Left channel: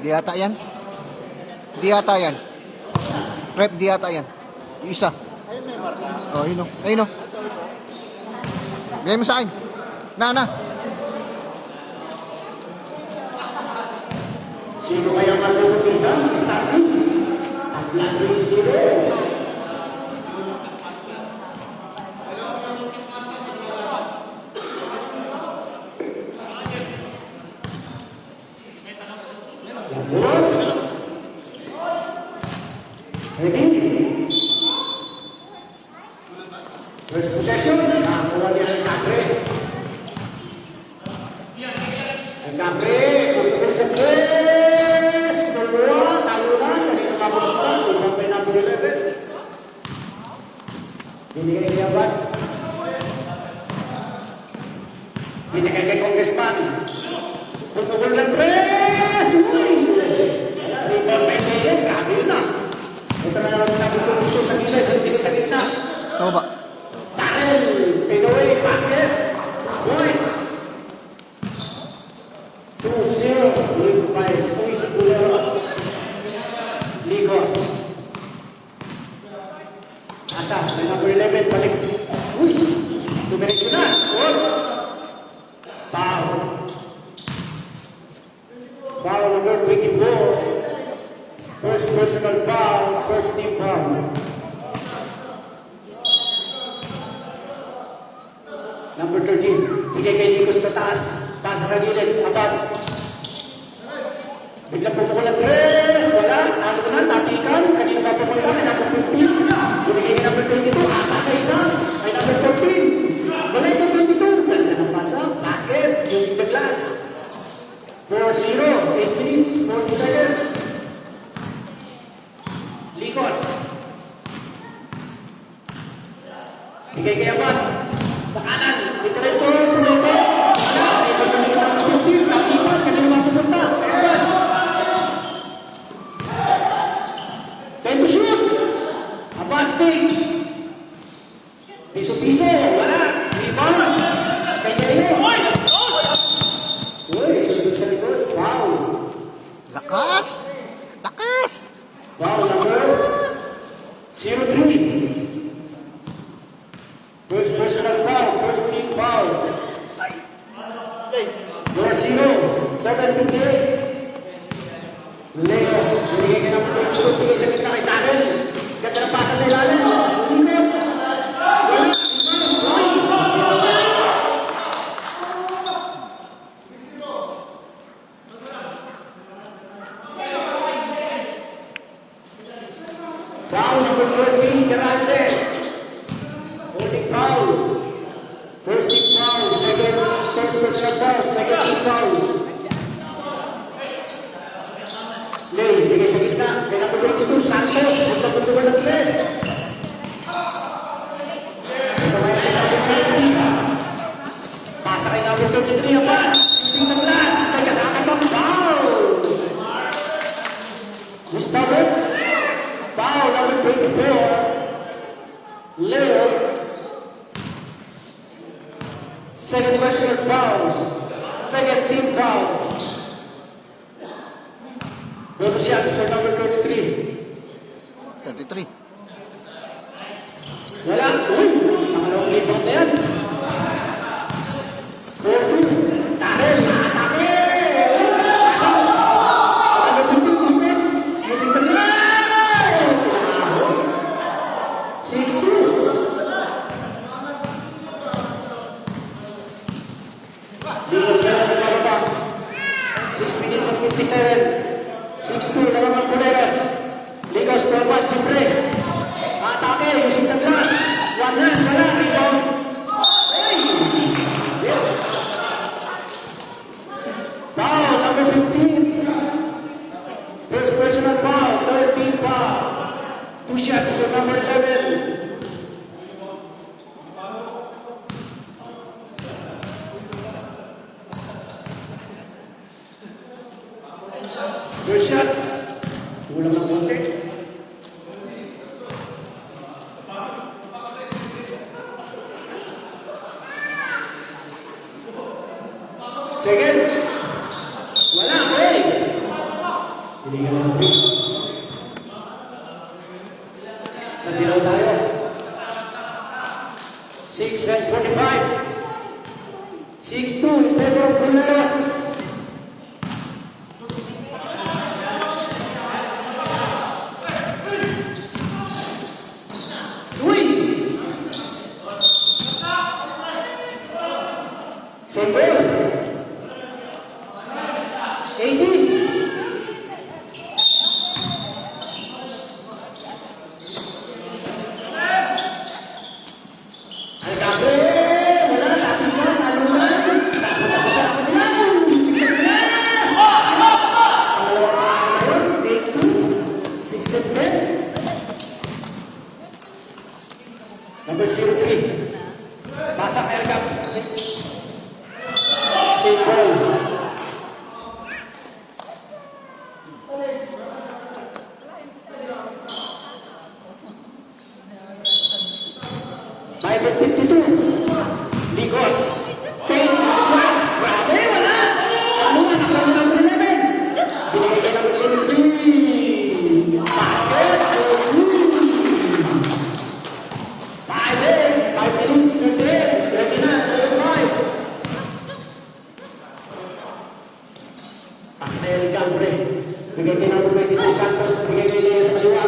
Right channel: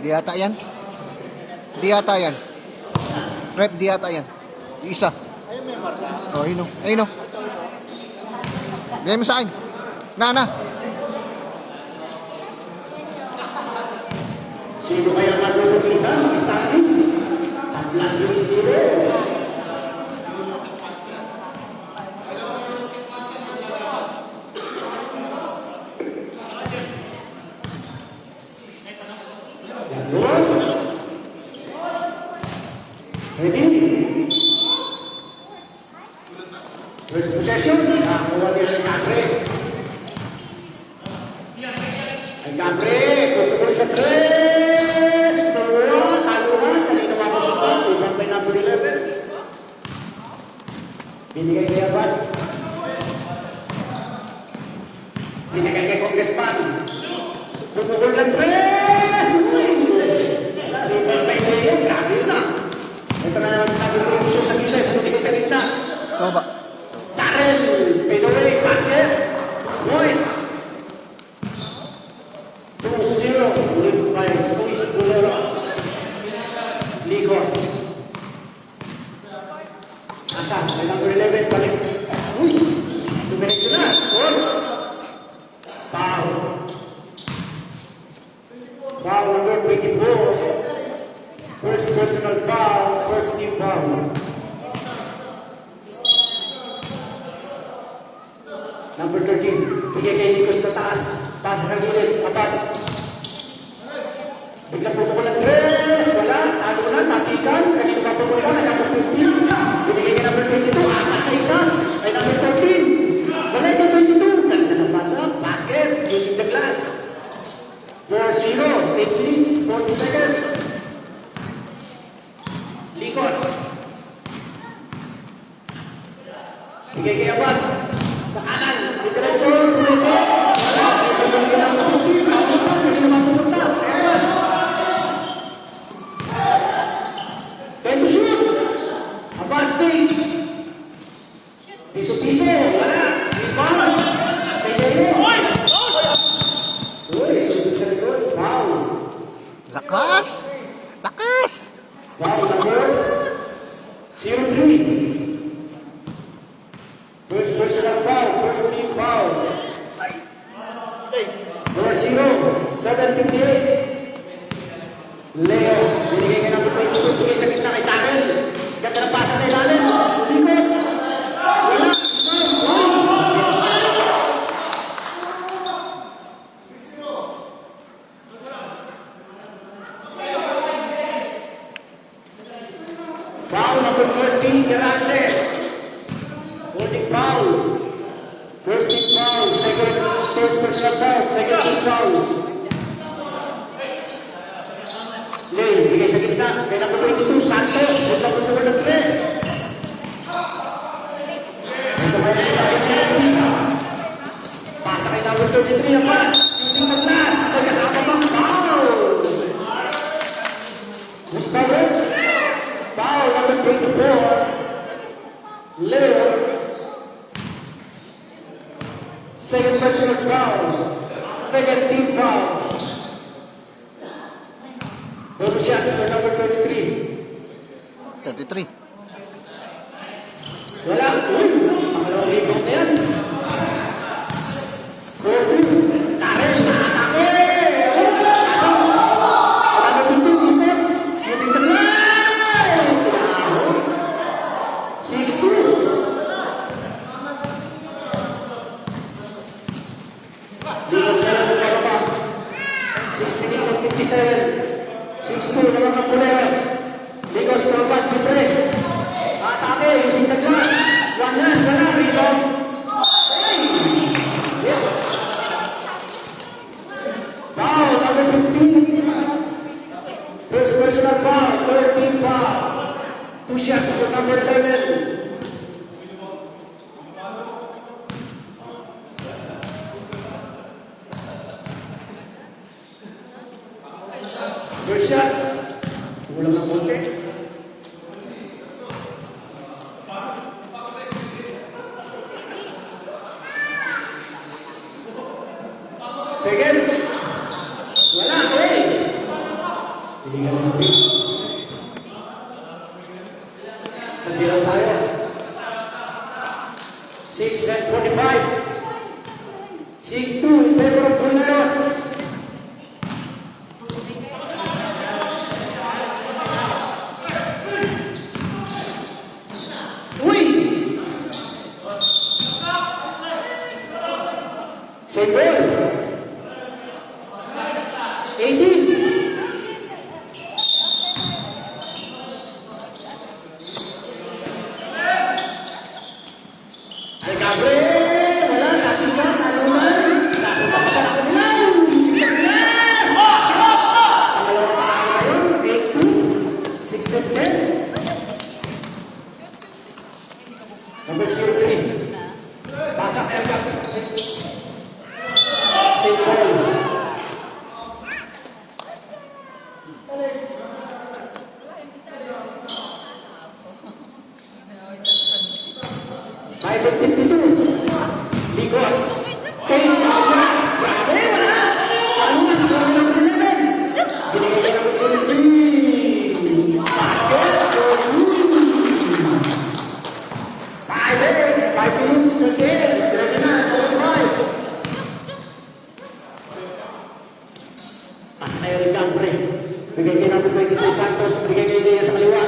Di yata yan. Di yata yan. Rep, di yata yan. Yung isa. Ayun may marka. Oh, yun o. Ayun o. Bigay mo sa akin. Na. Sino kaya matutulisan ng standings? Tabla 3-0. Ready? First possession, nakakuha niya ang Cagre. Ang Cagre, kung sa tres, tulungan, talunan, kanina nga ba ibang may nabulila. Binigay niya ba? Binigay kay Congressman. Tutulong ng tres! Rebound by Leo, grabe na. Ito na naman sabi ko dito sa gilid, hindi sa gitna. Ito ba? Darren, fadeaway, basket, points. 2-0, lead by Luis Buleros. Ligos. Asa, number 11, balik. Uy, tumirik na. Foul. Foul number 24. First personal foul, first team foul. Number 13, bigay kay Ligos sa taas. Pasa sa gilid, apat. Biglang pupukul ng tres, wala. Ano na, tapikan. Kanina ba pupukul na, number 15. Bumigay ka number 22, apat sa isa. Ay number 14. Wala na 22. Ganda ng pasa, basket, using the glass. 4-0, 8 minutes, 40 seconds. Ligos. Bigay kay apat. Sa kanan, diretso, pumunta. Ay, pumunta ng 15, tapikan, kanina ba pumunta. Then to shoot. Abante. Piso-piso. Wala. Rebound. Kaya-kaya. Uy, sunod sa likod. Wow. Lakas! Lakas! Wow, number 0-3. First personal foul. First team foul. 4-0. 7-8. Leo, binigay ng pagkakulo sa gitna kay Darren. Nagpapasa sa lalim. Ulimot. Foul number 13, Geralde. Holding foul. First team foul. First personal foul. Second team foul. Leo, bigay sa gitna. May number 22, Santos. Punta po ng tres. Nagawa sa bagay sa Leo. Pasa kay number 23 pa. Using the glass. Nagkasama ng foul. Who's power? Foul number 24. Leo. Second personal foul. Second team foul. Both shots for number 23. 23. Wala. Uy! Ang rebound na yan. 4-2. Darren, nakatake! Ano pinto? Using the glass! 6-2. Ligos na lang ang bababa. 6 minutes and 57. 6-2 na naman Buleros. Ligos to abat, Libre. Atake, using the glass. Yan, wala, rebound. Foul, number 15. First personal foul, 13 foul. 2 shots for number 11. First shot. Wala mag-ote. Second. Wala, Binigyan ng 3. Sa bilang tayo. 6-45. 6-2. Pedro Puneros. Uy! Sender. 18. Number 03. Basak Erga. Saint Paul. Target 52. Ligos. Paint. Snap. Grabe, wala. Ano yan? Ang number 11. Binigay ka ng 03. Basket. Five minutes na game. Ready na, 7-5. Pasa kayo rin lang, pre. Bigay kayo natin kay Tito Santos. Bigay kayo niya sa kaliwa.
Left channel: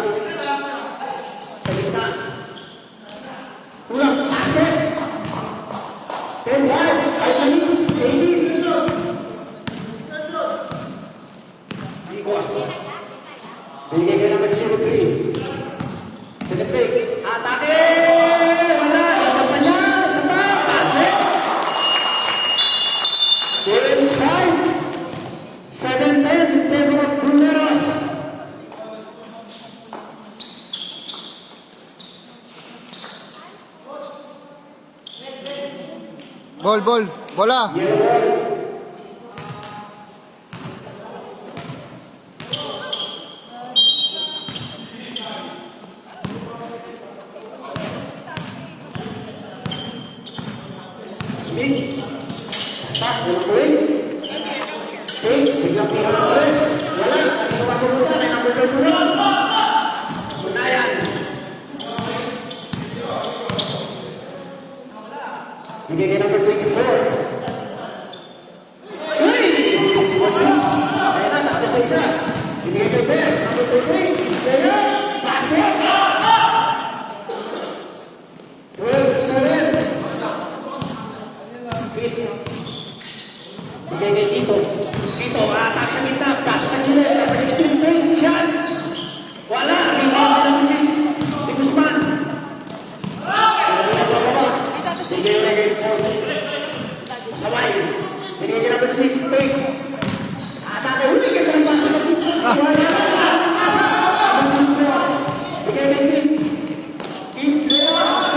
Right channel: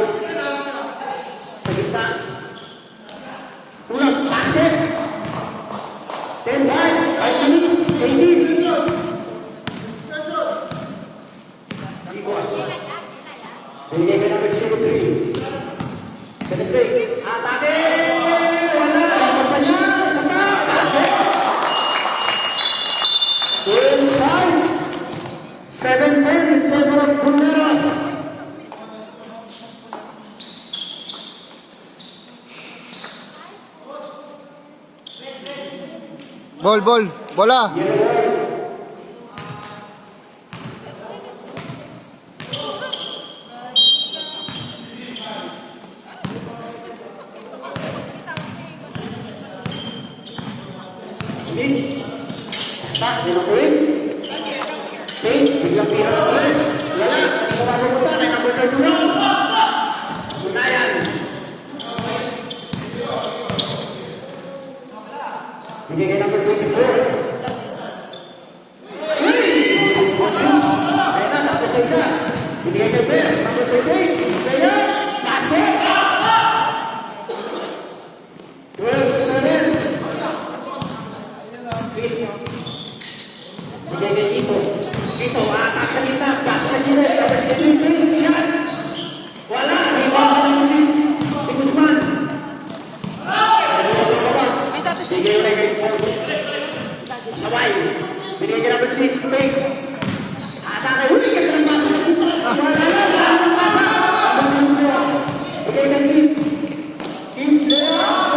Sa gitna. Uyak, basket. 10-5. 5 minutes. 18. Igos. Bigay kayo natin 0-3. Penetrate. Atake! James 5, 7-10, Pedro Puneros. Ball, bola. Smith. Start the win. Take the press. Layak. Ito ba ito na nagtutuloy? Unayan. Bigyan natin 24. Hey! Ayan na, takto sa isa. Bigyan natin. Kaya, basket. 12-7. Bigay na Tito. Tito, atak sa gitna. Pasa sa gilid. Tapos ito yung shots. Wala. Hindi pa naman ang sis. Di Guzman. Bigay na kay Paul. Masalay. Bigay na namin 6. Take. Asa ka. Uy, ito yung pasa sa gitna. Wala. Pasa. Bigay na Tim. Tim.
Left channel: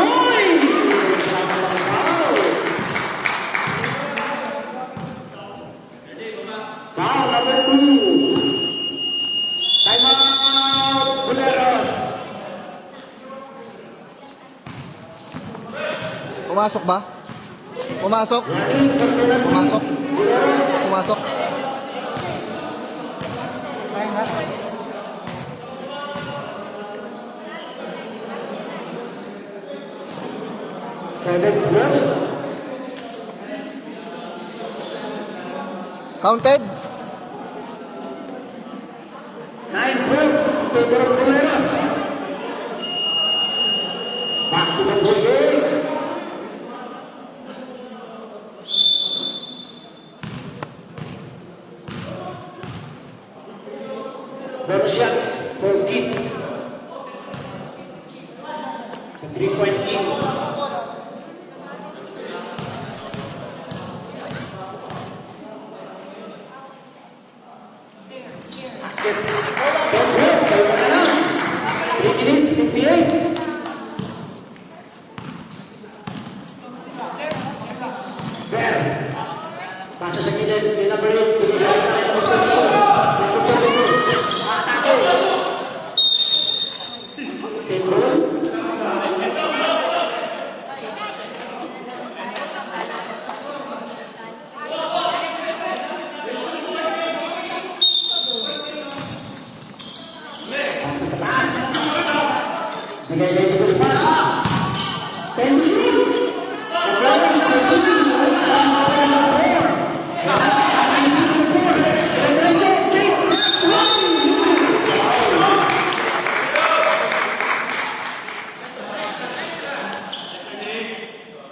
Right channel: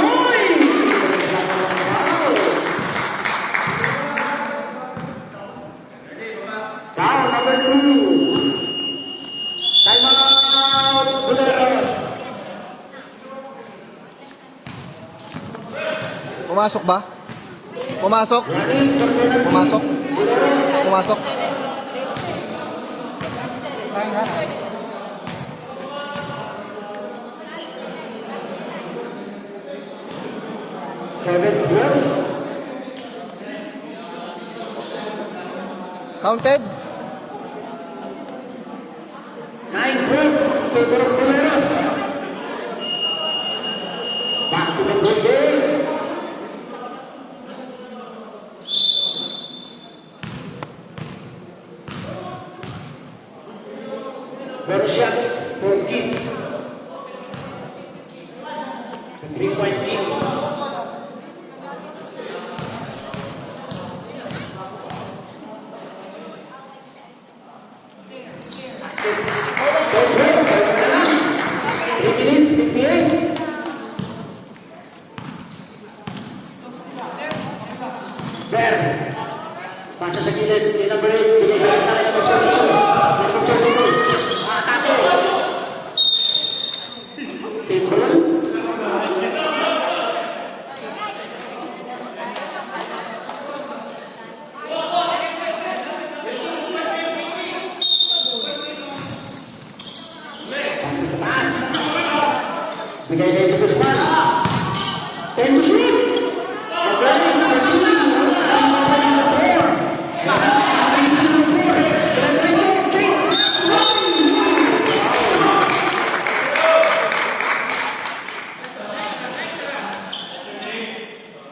Uy! Foul number 2. Time out, Buleros. Pumasok ba? Pumasok? Running for penalty. Pumasok? Buleros. Pumasok? Seven, 12. Counted? 9-12. Pedro Buleros. Back to the full game. Bonus shots for Kid. The 3-point Kid. Basket. 3 minutes, 58. Well, pasa sa gilid, pinabalit, pinisa na ng gusto nito. Bakit ka dito? Simple. Bigay kay Tito Span. 10 to shoot. Again, 13.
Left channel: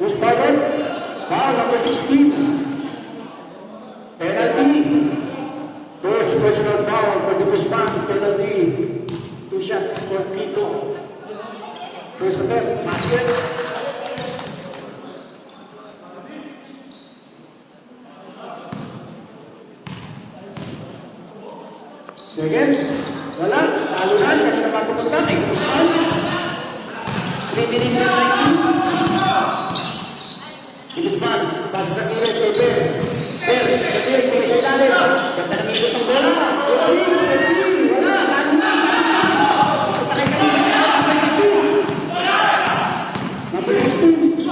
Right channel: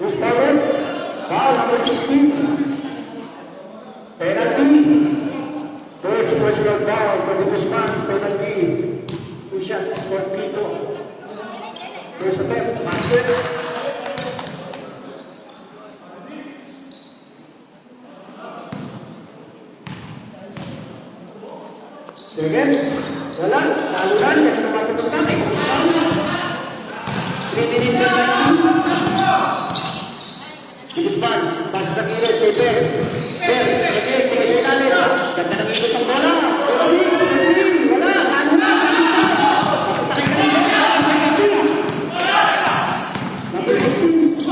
Who's forward? Foul number 16. Penalty. Coach personal foul for the Guzman. Penalty. 2 shots for Quito. First attempt, basket. Second, wala. Aluran, kanina matutunan ay Guzman. 3 minutes and 19. Guzman, pasa sa kilid, Peter. Peter, tingin sa ilalim. Nagkaramito ng bola. Swing, swing, wala. Number 16.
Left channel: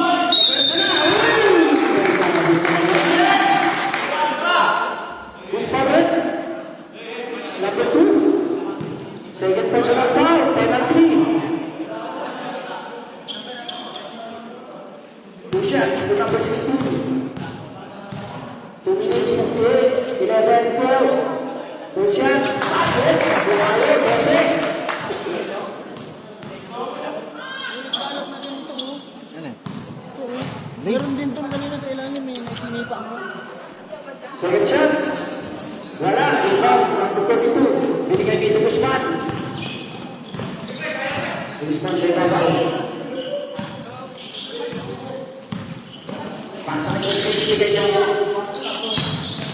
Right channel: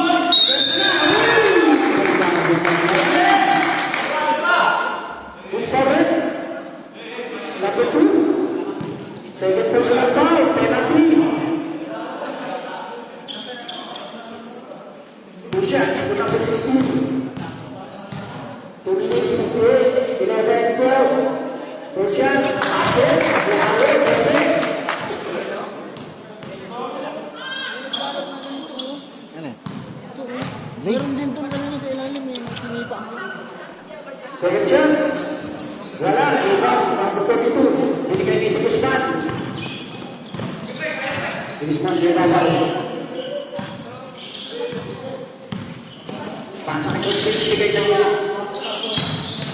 Who's forward? Number 2. Second personal foul, penalty. 2 shots to number 16. 2 minutes to play. 11-12. 2 shots. Basket. Buhali. Basket. Ano eh? Meron din itong kanina sa ilalim eh, sinipa mo. Second chance. Wala. Rebound. Number 22. Binigay kay Guzman. Guzman sa ilalim. Pasang sa ibigay sa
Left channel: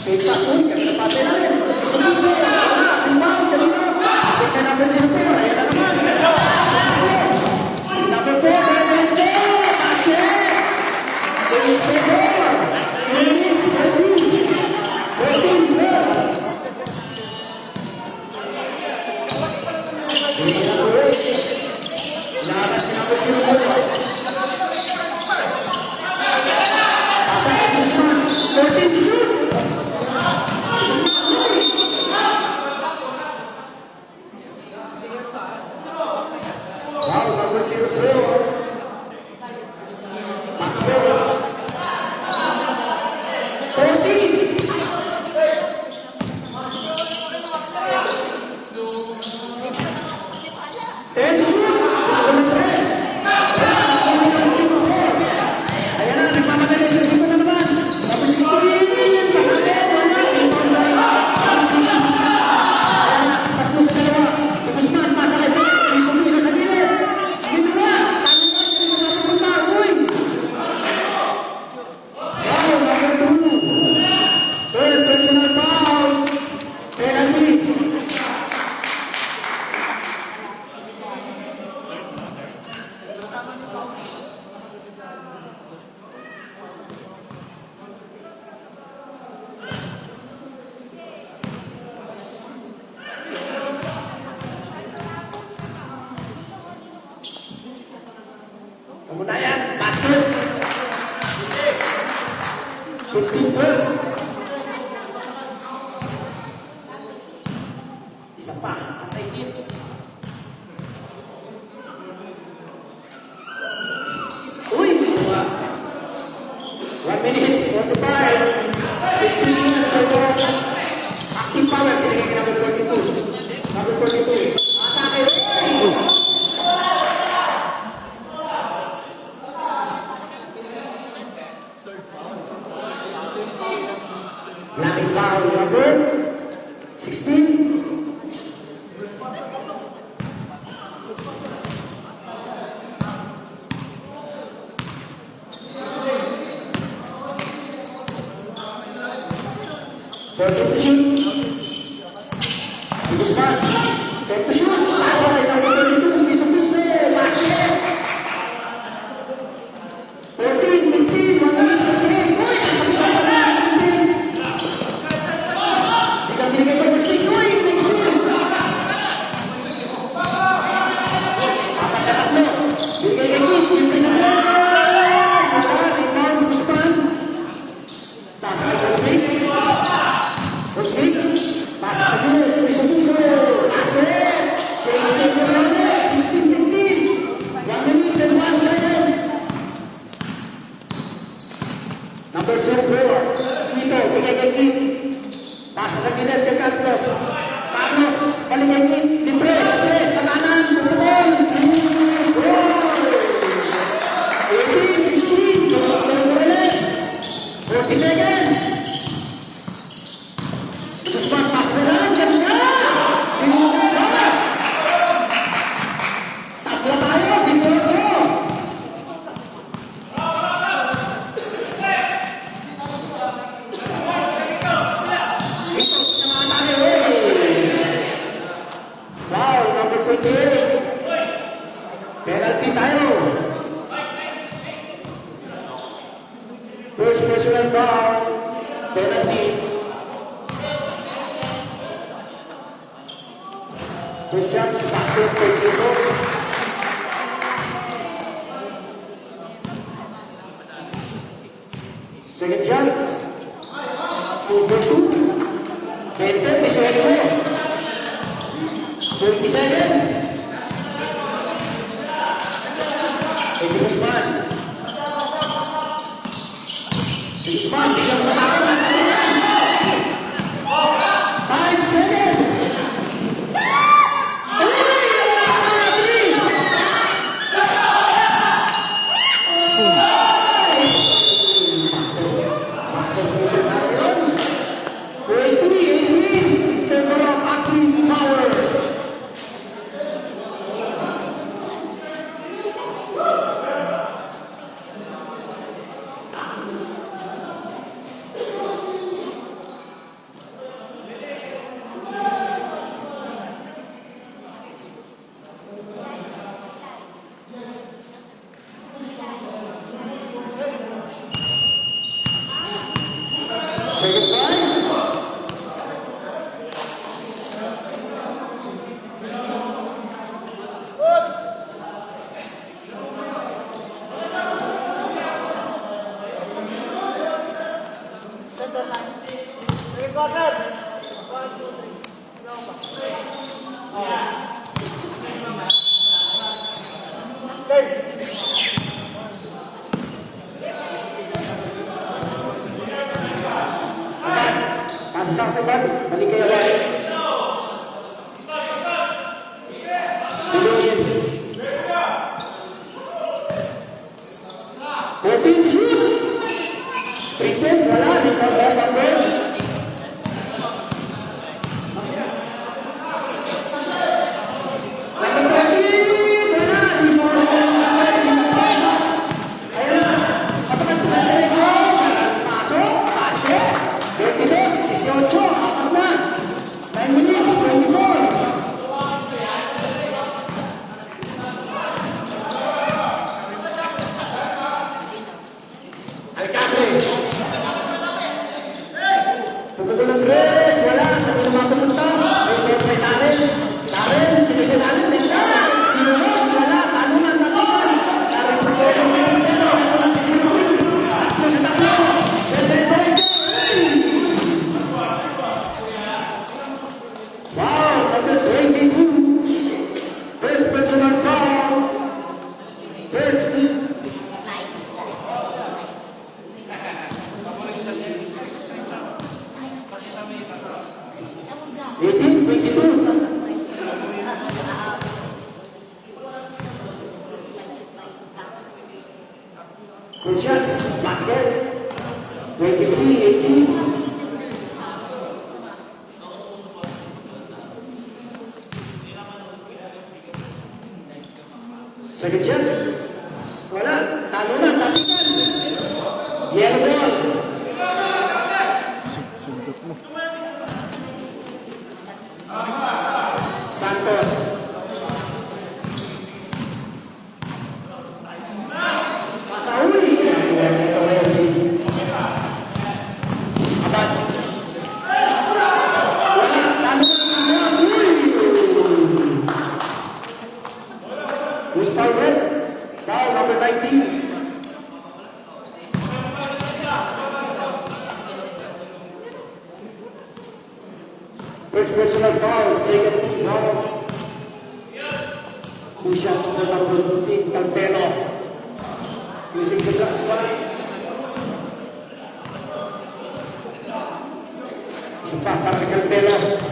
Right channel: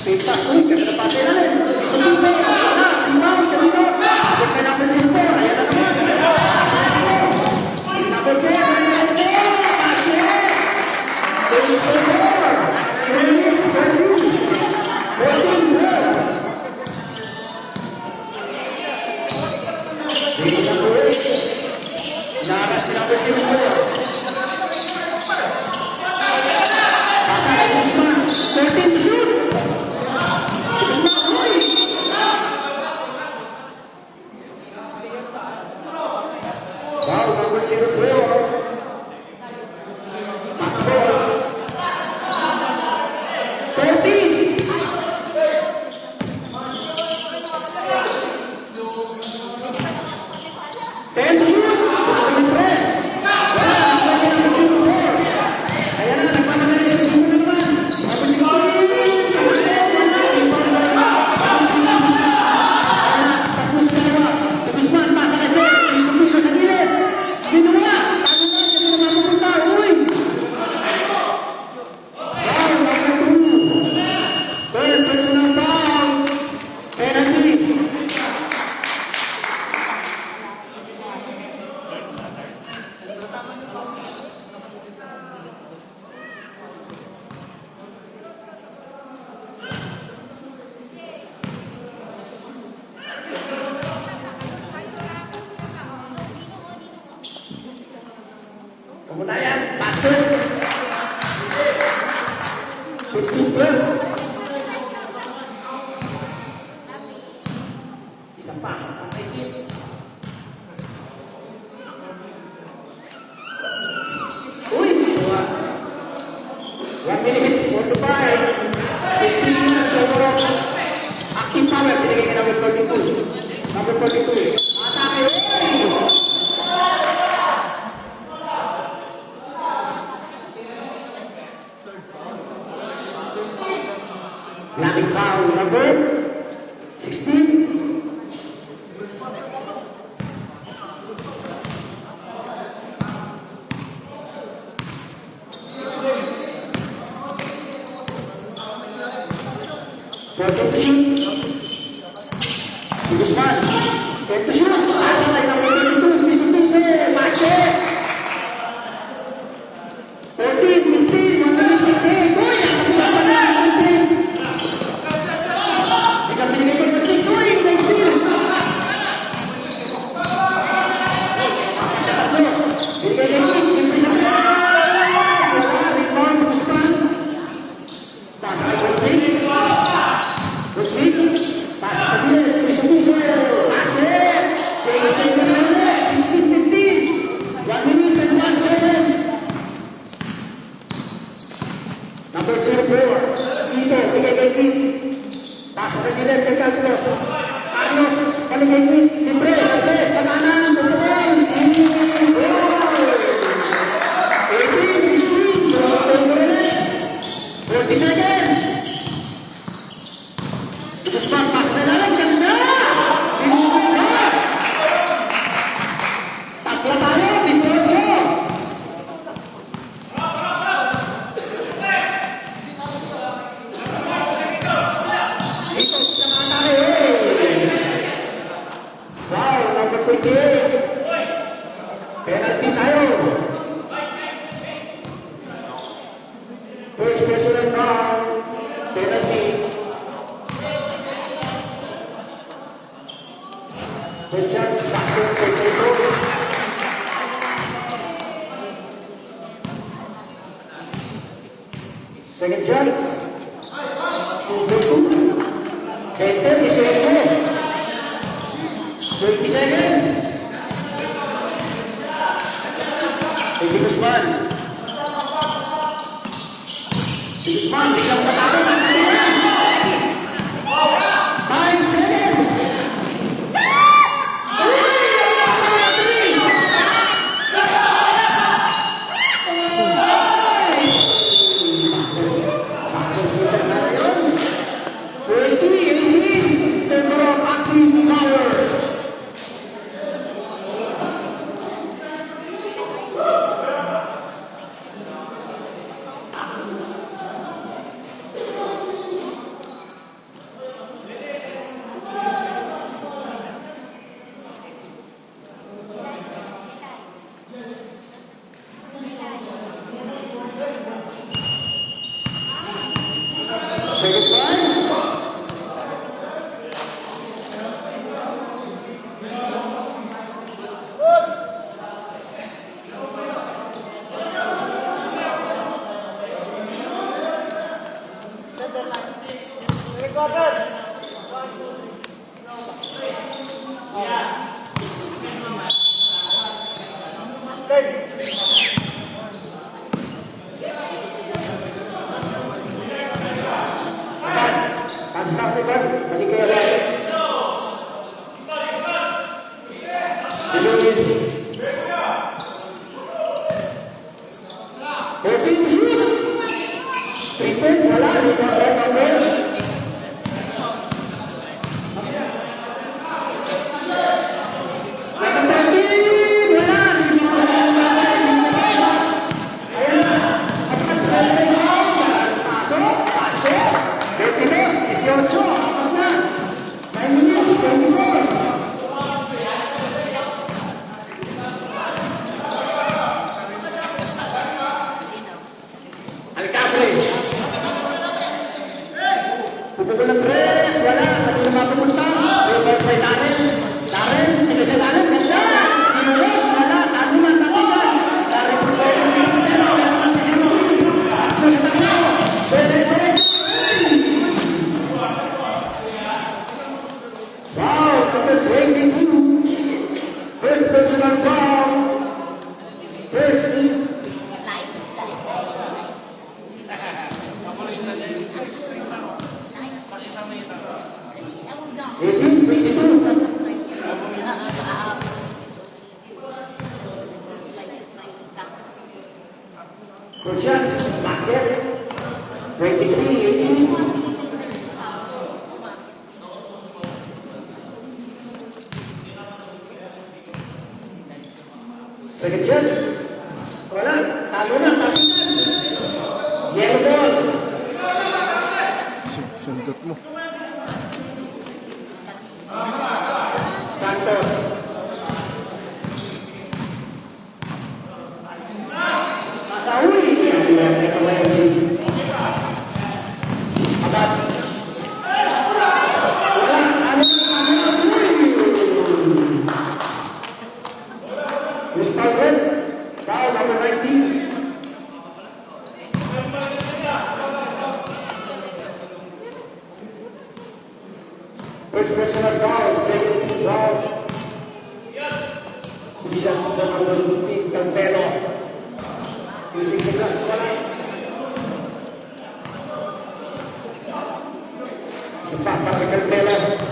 kay Pastor. Kasi pati na. Isa-isa. Rebound. Abot ka number 5. Yan na naman. Si number 4. Basket. James Peter. 3 minutes. 14. Kemudian basket 15-12. Isa pa, aktikin. Uy! 1 minute, 45. 15 na, overall. Active power, tinigay ka number 22. Number 23. Blocking foul number 16. Fourteen to shoot. Guzman. 10 to shoot. Nasa number 22. Missing basket. 14, 15, 1 minute, 38. Pasa 28. Pasa sa gilid kay Carlos. Carlos, galing kay Nick. Libre, sa kanan. Dumating. 18, 16. Diyos ko yung ulit. 40 seconds. Suspan, pasa na lang. Ganda. Inuman na. Tatla tayo. 18. Wow, number 28. Penalty tayo. First personal foul. Penalty. First chance, basket for Diego. Second chance. 2-2. 20-18. 30 seconds. Untuk Usman. Usman, tidak berapa. 5 seconds. Towers. Say goodbye. Saksikan menikah. Tapi shoot. Itu salah di gambar-gambar. Puputulan tres, wala. Puputulan Taren, tigisin natin, ganda. Pinulog, wala. Tanuan, nakuha. Parang puputulan yung pera. Walang sisinuwi. Tapos na ka. Wow, number 22. First personal foul. First. Crucians, basket, 23-18. Second chance. Wala, talo na, tapitan. Yellow. Sundot mo. Santos. Sauli. Who's Paul? Foul number 19. First personal foul, second foul. Two shots for number 15, Cantero. Using the last one. Sekarang Patrick Taylor.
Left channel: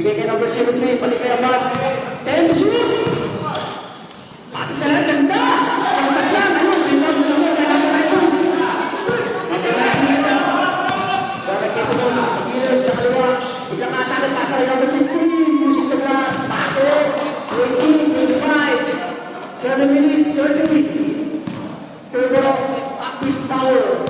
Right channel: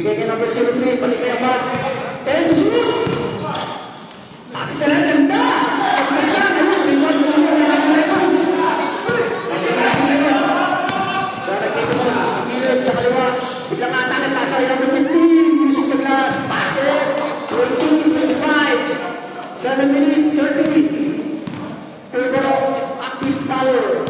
Bigay ka ng version ni balik kaya ba? Tayo to shoot! Nasa sa lahat ng da! Mas yan! Pintas mo na lang! Natin nito! Para dito mo, si Dylan sa kaliwa. Biglang ata nagkasa yung 15. Music to class. Basket! 20, 25. 7 minutes, 30. Table of active power.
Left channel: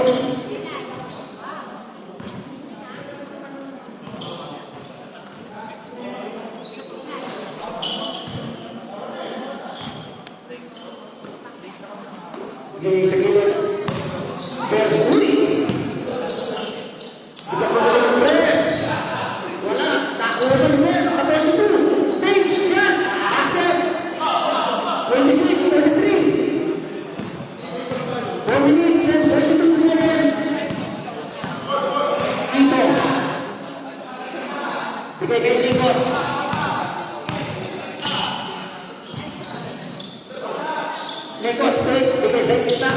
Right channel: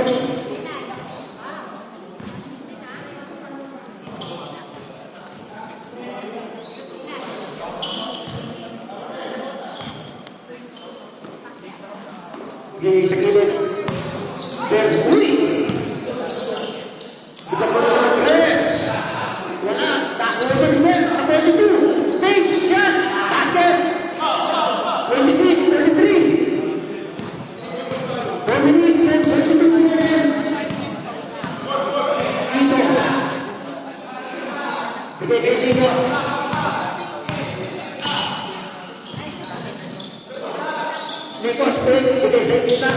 segundos. Gini segini. Berhenti. Kita boleh press. Wala, tak boleh niya. Apa itu? Take shots. Basket. 26, 23. 4 minutes and 32 seconds. Ito. Bigay kay Lucas. Lucas break. Bigay sa kita.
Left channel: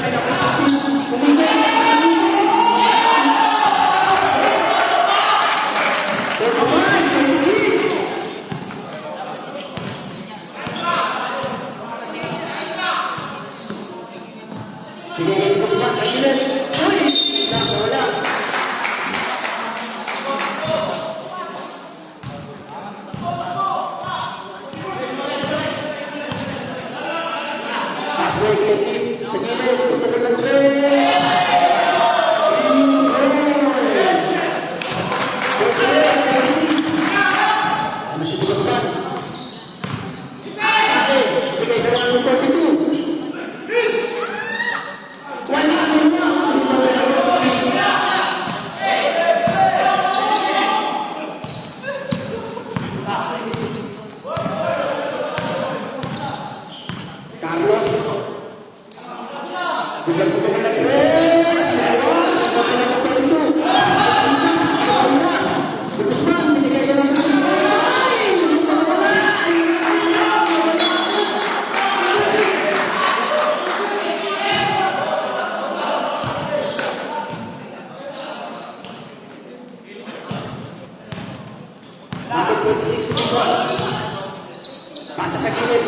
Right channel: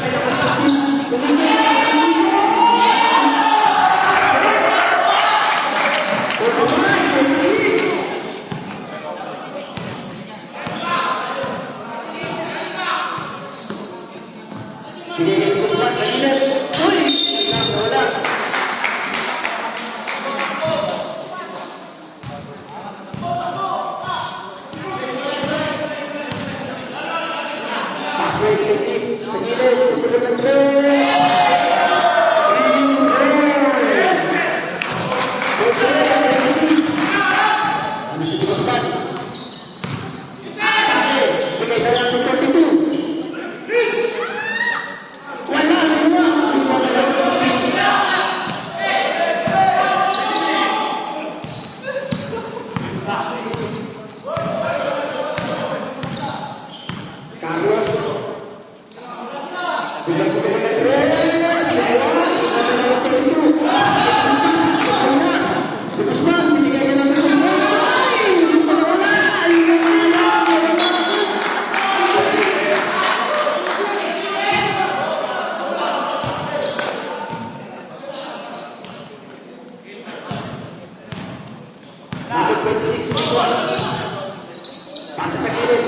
Pasa sa gilid,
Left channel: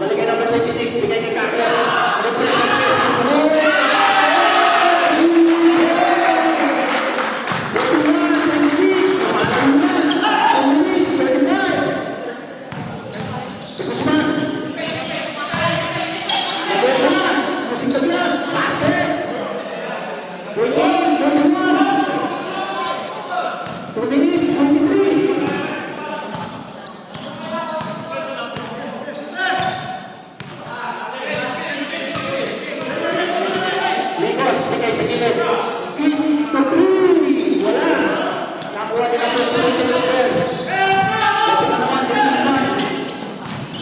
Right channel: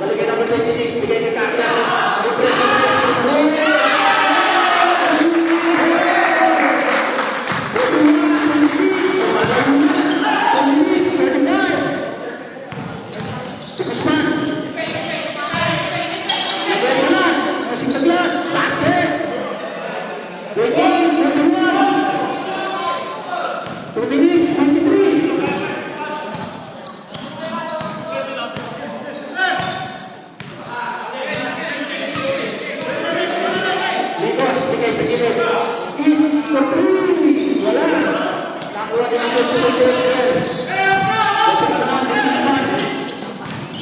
nalagyan naman 26, bigay niya Carlos. Repress ang press. 26, 2 minutes, 39. Guzman. Nagawin sa man. Musing the glass. Basket. 21, 2 minutes, 23. Lucas, bigay sa gilid. Eat the three. Wala. Nakuha din ang pagkakas. Dapat na naman si Guzman.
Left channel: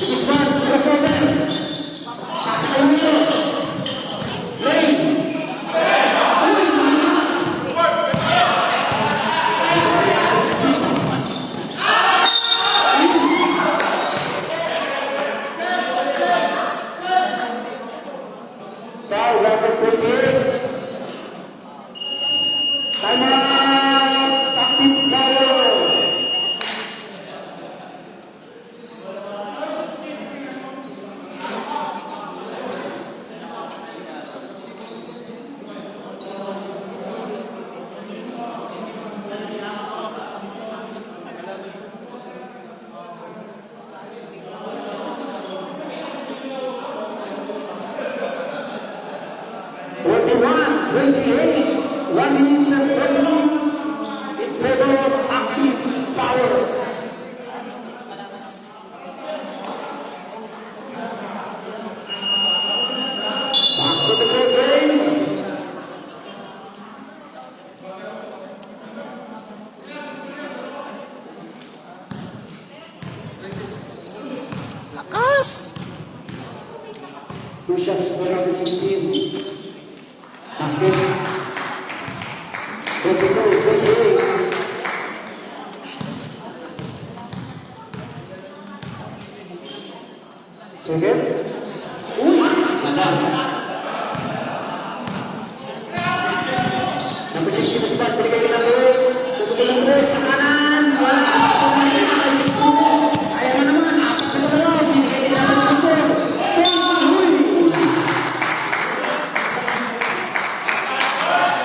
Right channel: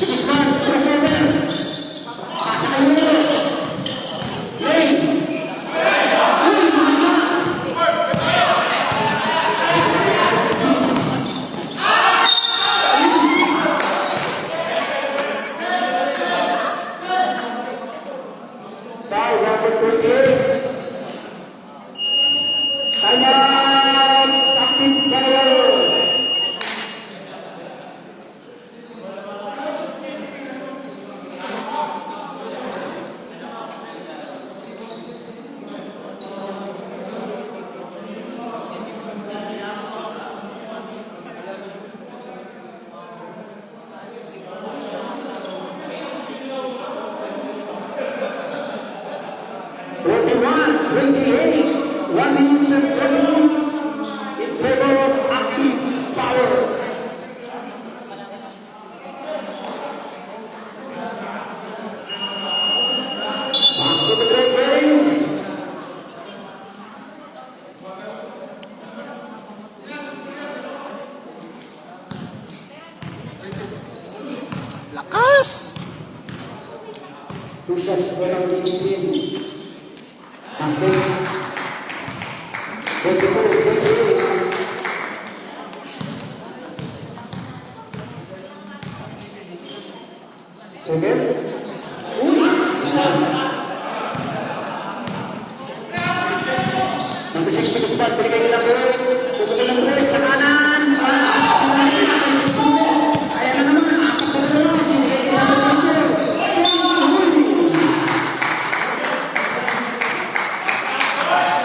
Guzman, crossover. Pasa ka lang. Lane. Foul, number 28. Time out. Active foul. Forty-one, 28, 1 minute and 26 in favor of active power. Back to the goal game. Lakas! 2 shots for round 17. Basket. 22, 28. Second. Number 6 to start. Balik lagi lagi. Tutup ng press sa kanan. Kaya na naman. Apat sa dalawa. Binigay niya sa center.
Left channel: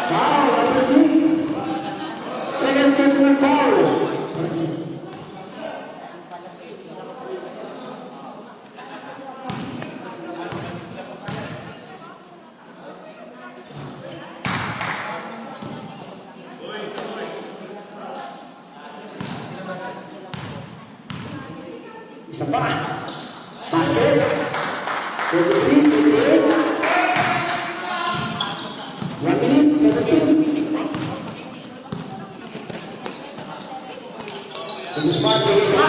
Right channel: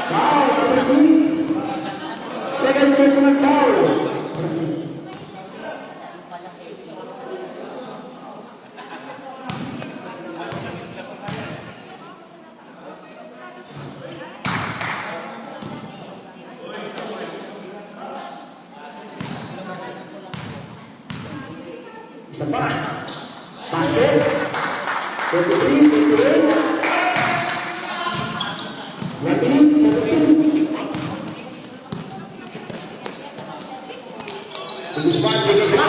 Foul, number 6. Second personal foul. Isa pa. Basket. 23, 28. 1 minute, 17. Sumuspan, bilis na.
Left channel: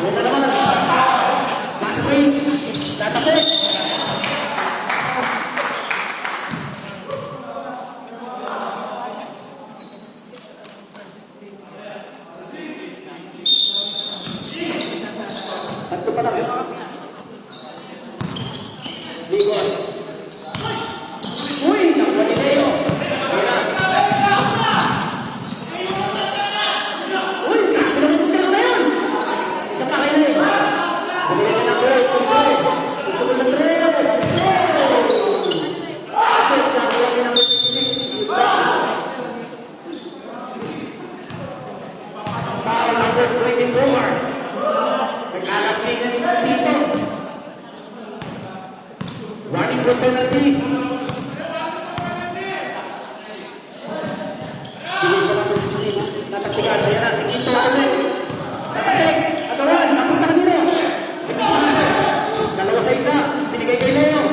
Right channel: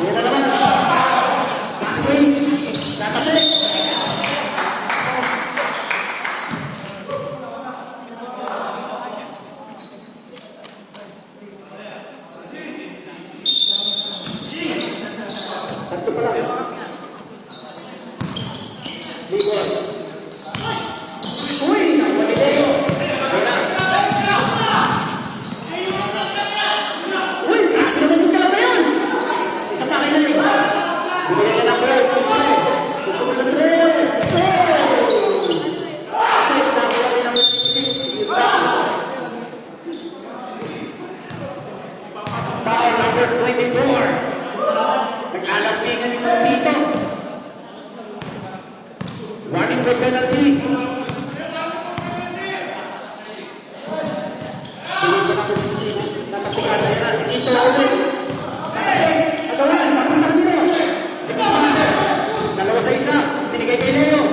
Ano na naman? Basket. Tatalik. Tatlo pa lang. Ligos. Uy! Nagalileo. Wala. Uy! Ano naman ka ba yan? Isa pa rin. Bigyan ka ng break. Yes! Okay, pagkakala ka ng 56. Foul number 24. Naglalagping ng dito. Warning for penalty. Sige sa number 16. Nakatikaan na yan. Sige sa number. Ito nga. Nakatikaan nila. Dalawa sa isa. Binigay kay Leo.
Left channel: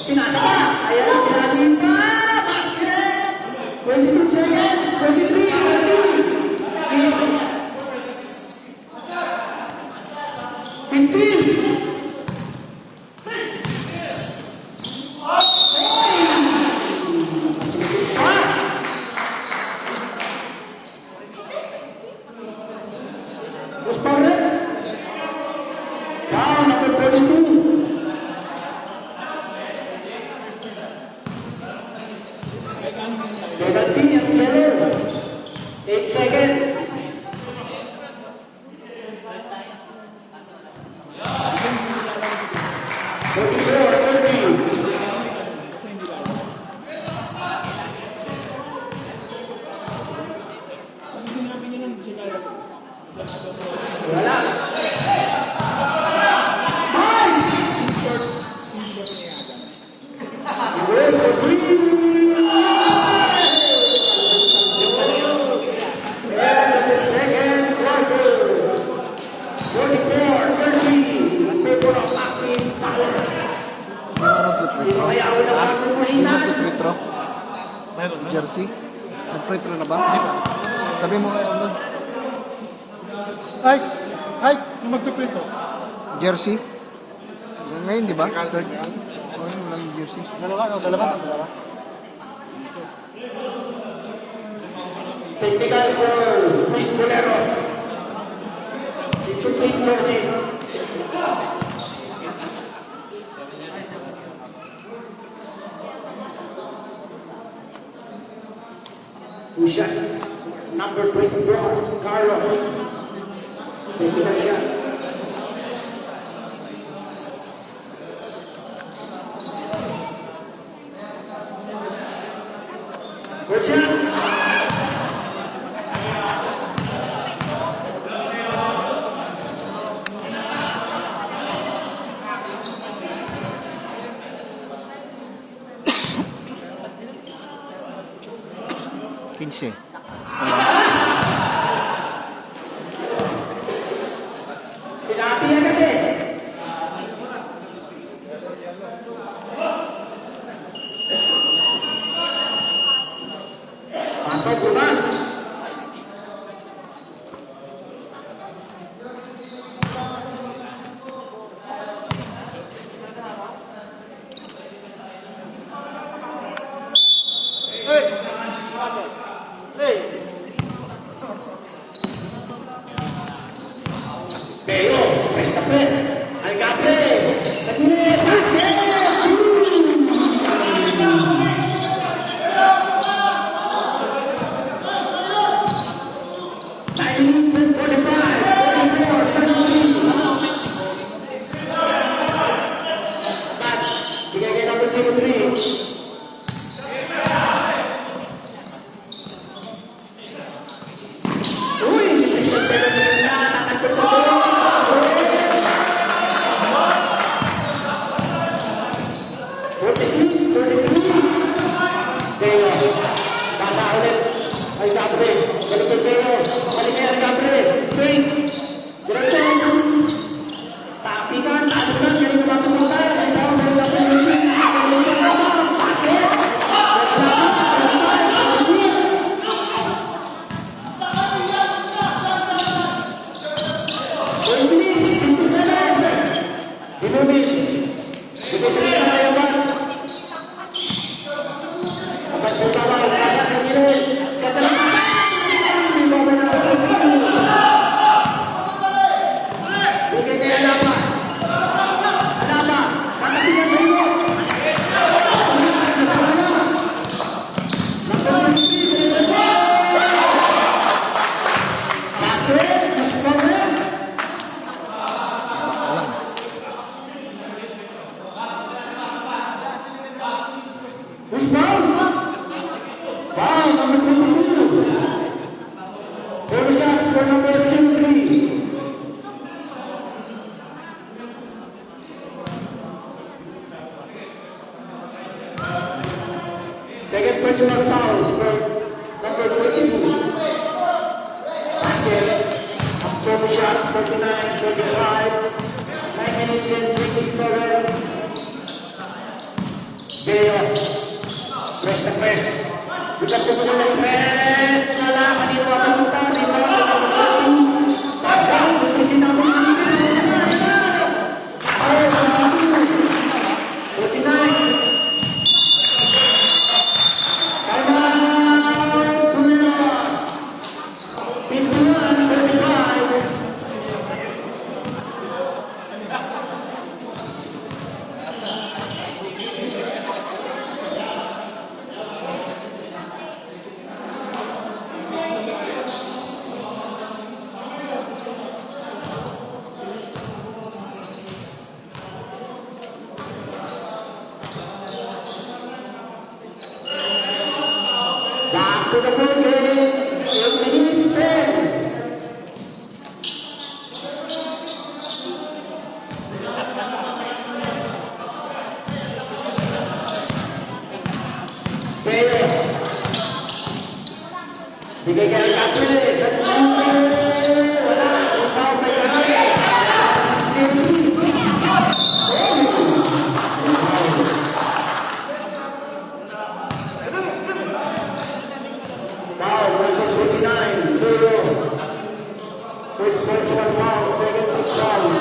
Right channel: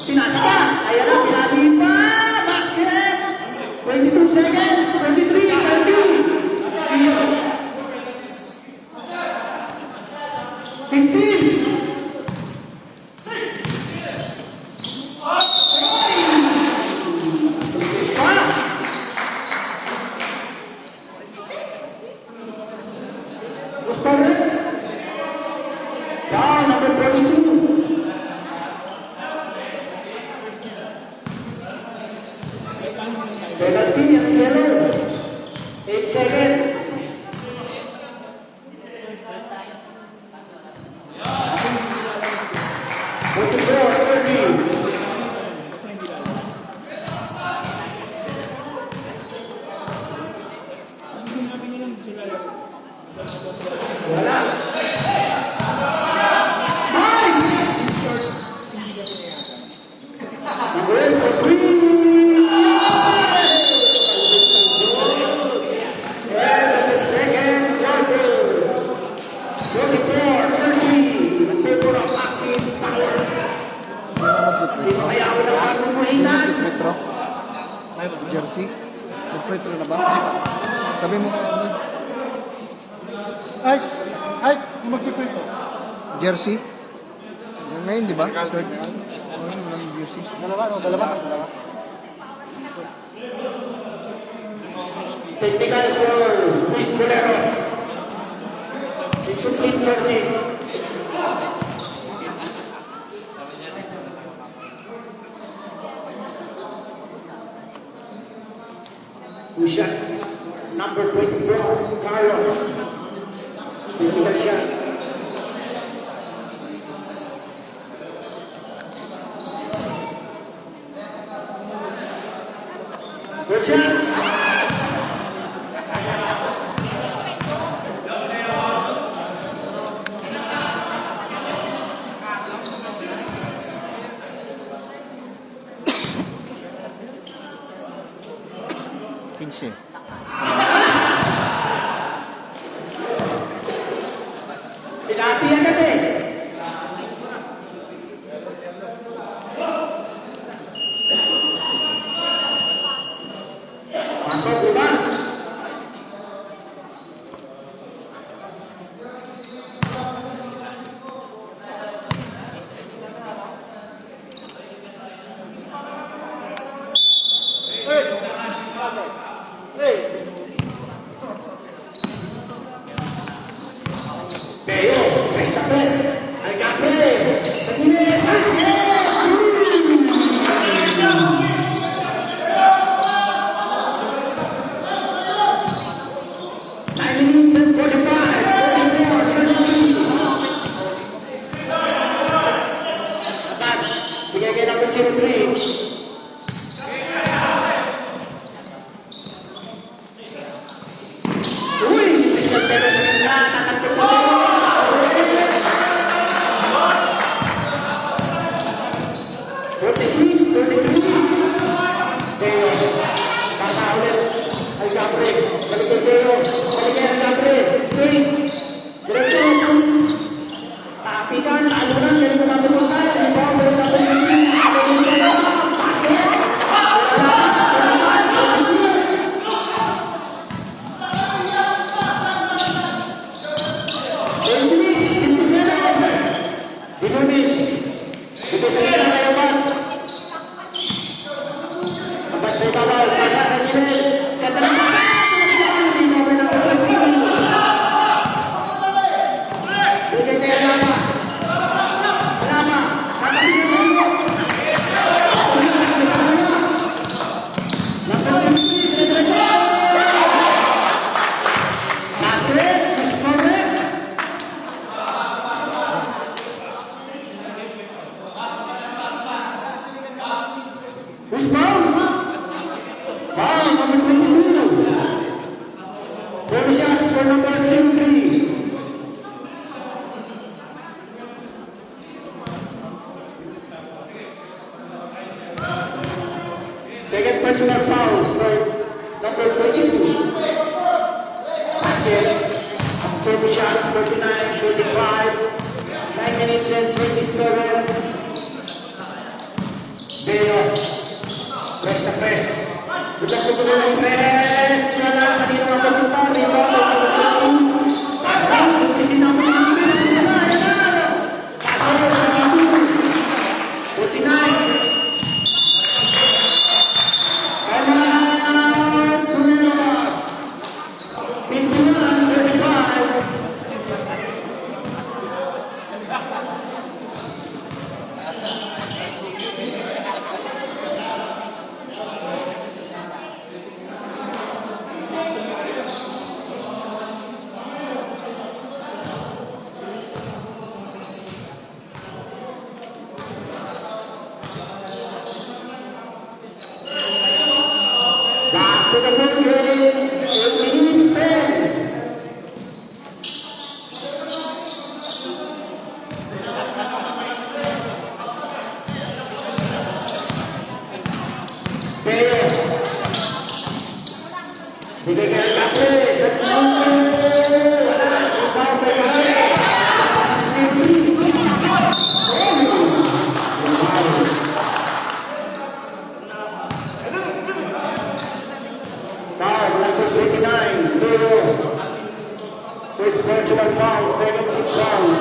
Tinasa pa. Ayan ang pinali pa. Basket. 22 seconds. 23. 15. Responded. Foul number 22. Penalty at yellow. 8 seconds. Sino kaya ako ng bagong kuhinan? Metro. Jersey. Mag-pretro na ba? Sabi mo kaya ako. Ay, magpiprint ko. Jersey. Ngayon, di ba? Third. Oh, yun lang yung jersey. Dalawa. Technical for Luis Boleros. Incomplete jersey. Two shots. Number 24, Carlos. Two shot. Two shots. 15. Tinapi agad eh. Pasok lima. Pero, presta presta. Nagka-press. Nagka-press. Basket! 9 minutes and 45. 44, 33. Apat. Binigay number 03. Uy, bilis ng pero sa mga nakatuto. 46, 33. Kaya, nasa ulit. Ay, Capre. Galigay, Galigay, Capre. Drink. Diretso. Foul number 22. 4 shots for number 03. Second personal foul for number 22. Basket. 4 shots, 49, 45. 9 minutes and 27. Bea. Press na press. Bukan kemudian ng press. Wala kanina papunta. Rebound na papunta. Pasal. Kasi naman si Pasal. Pasal. 49. Kumeras. 51, 35. Back to the ball game. 8 minutes, 10. Player. Bigay kay Kate. Sa This personal foul, 17th foul.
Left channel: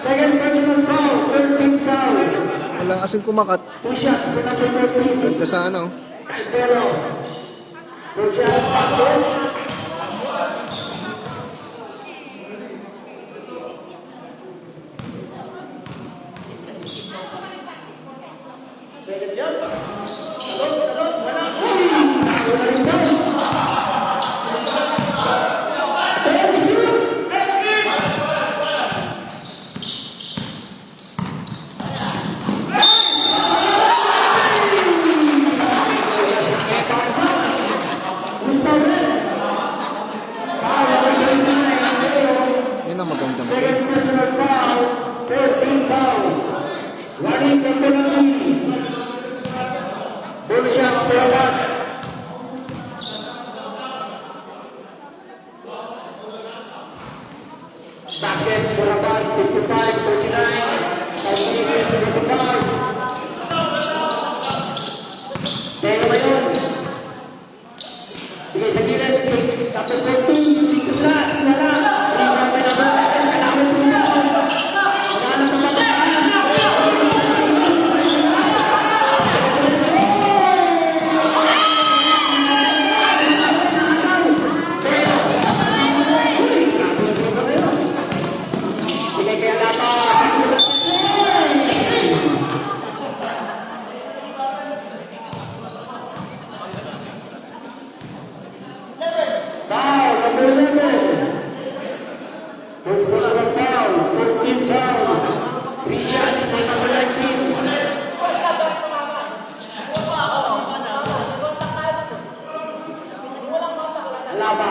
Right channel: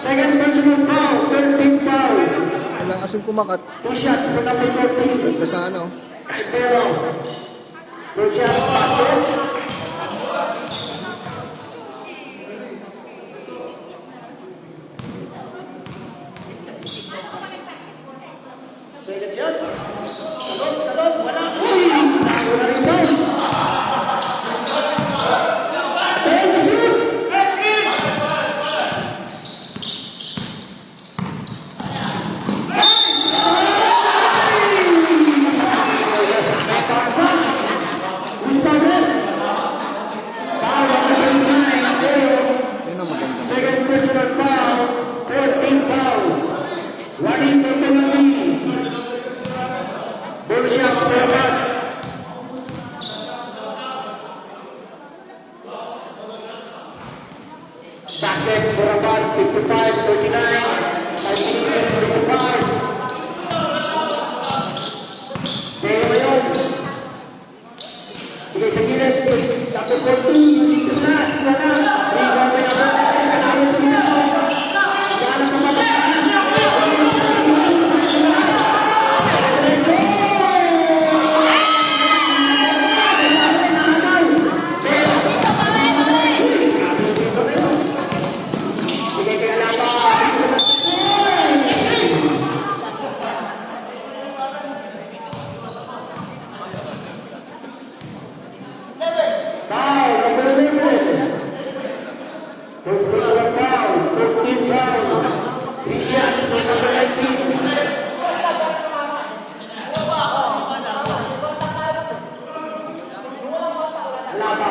Second personal foul, 13th foul. Walang asing kumakat. 2 shots for number 14. Ganda sa ano. Caldero. 2 shots, basket. Second shot. Yan ang maganda. Second personal foul, 13th foul. One in the penalty. Both shots for about. Basket for about 55, 39. 5 minutes and 25. Pero ngayon, bigay sa gilid, tapos 14, yung sintulas, wala. Rebound na naman, kailangan mo na. Bigay kay Lala. Foul, number 11. First personal foul, first team foul. 3 shots for number 19. Wala pa.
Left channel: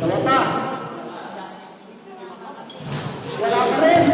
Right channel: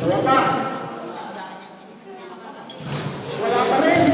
Wala pa. Wala pa rin.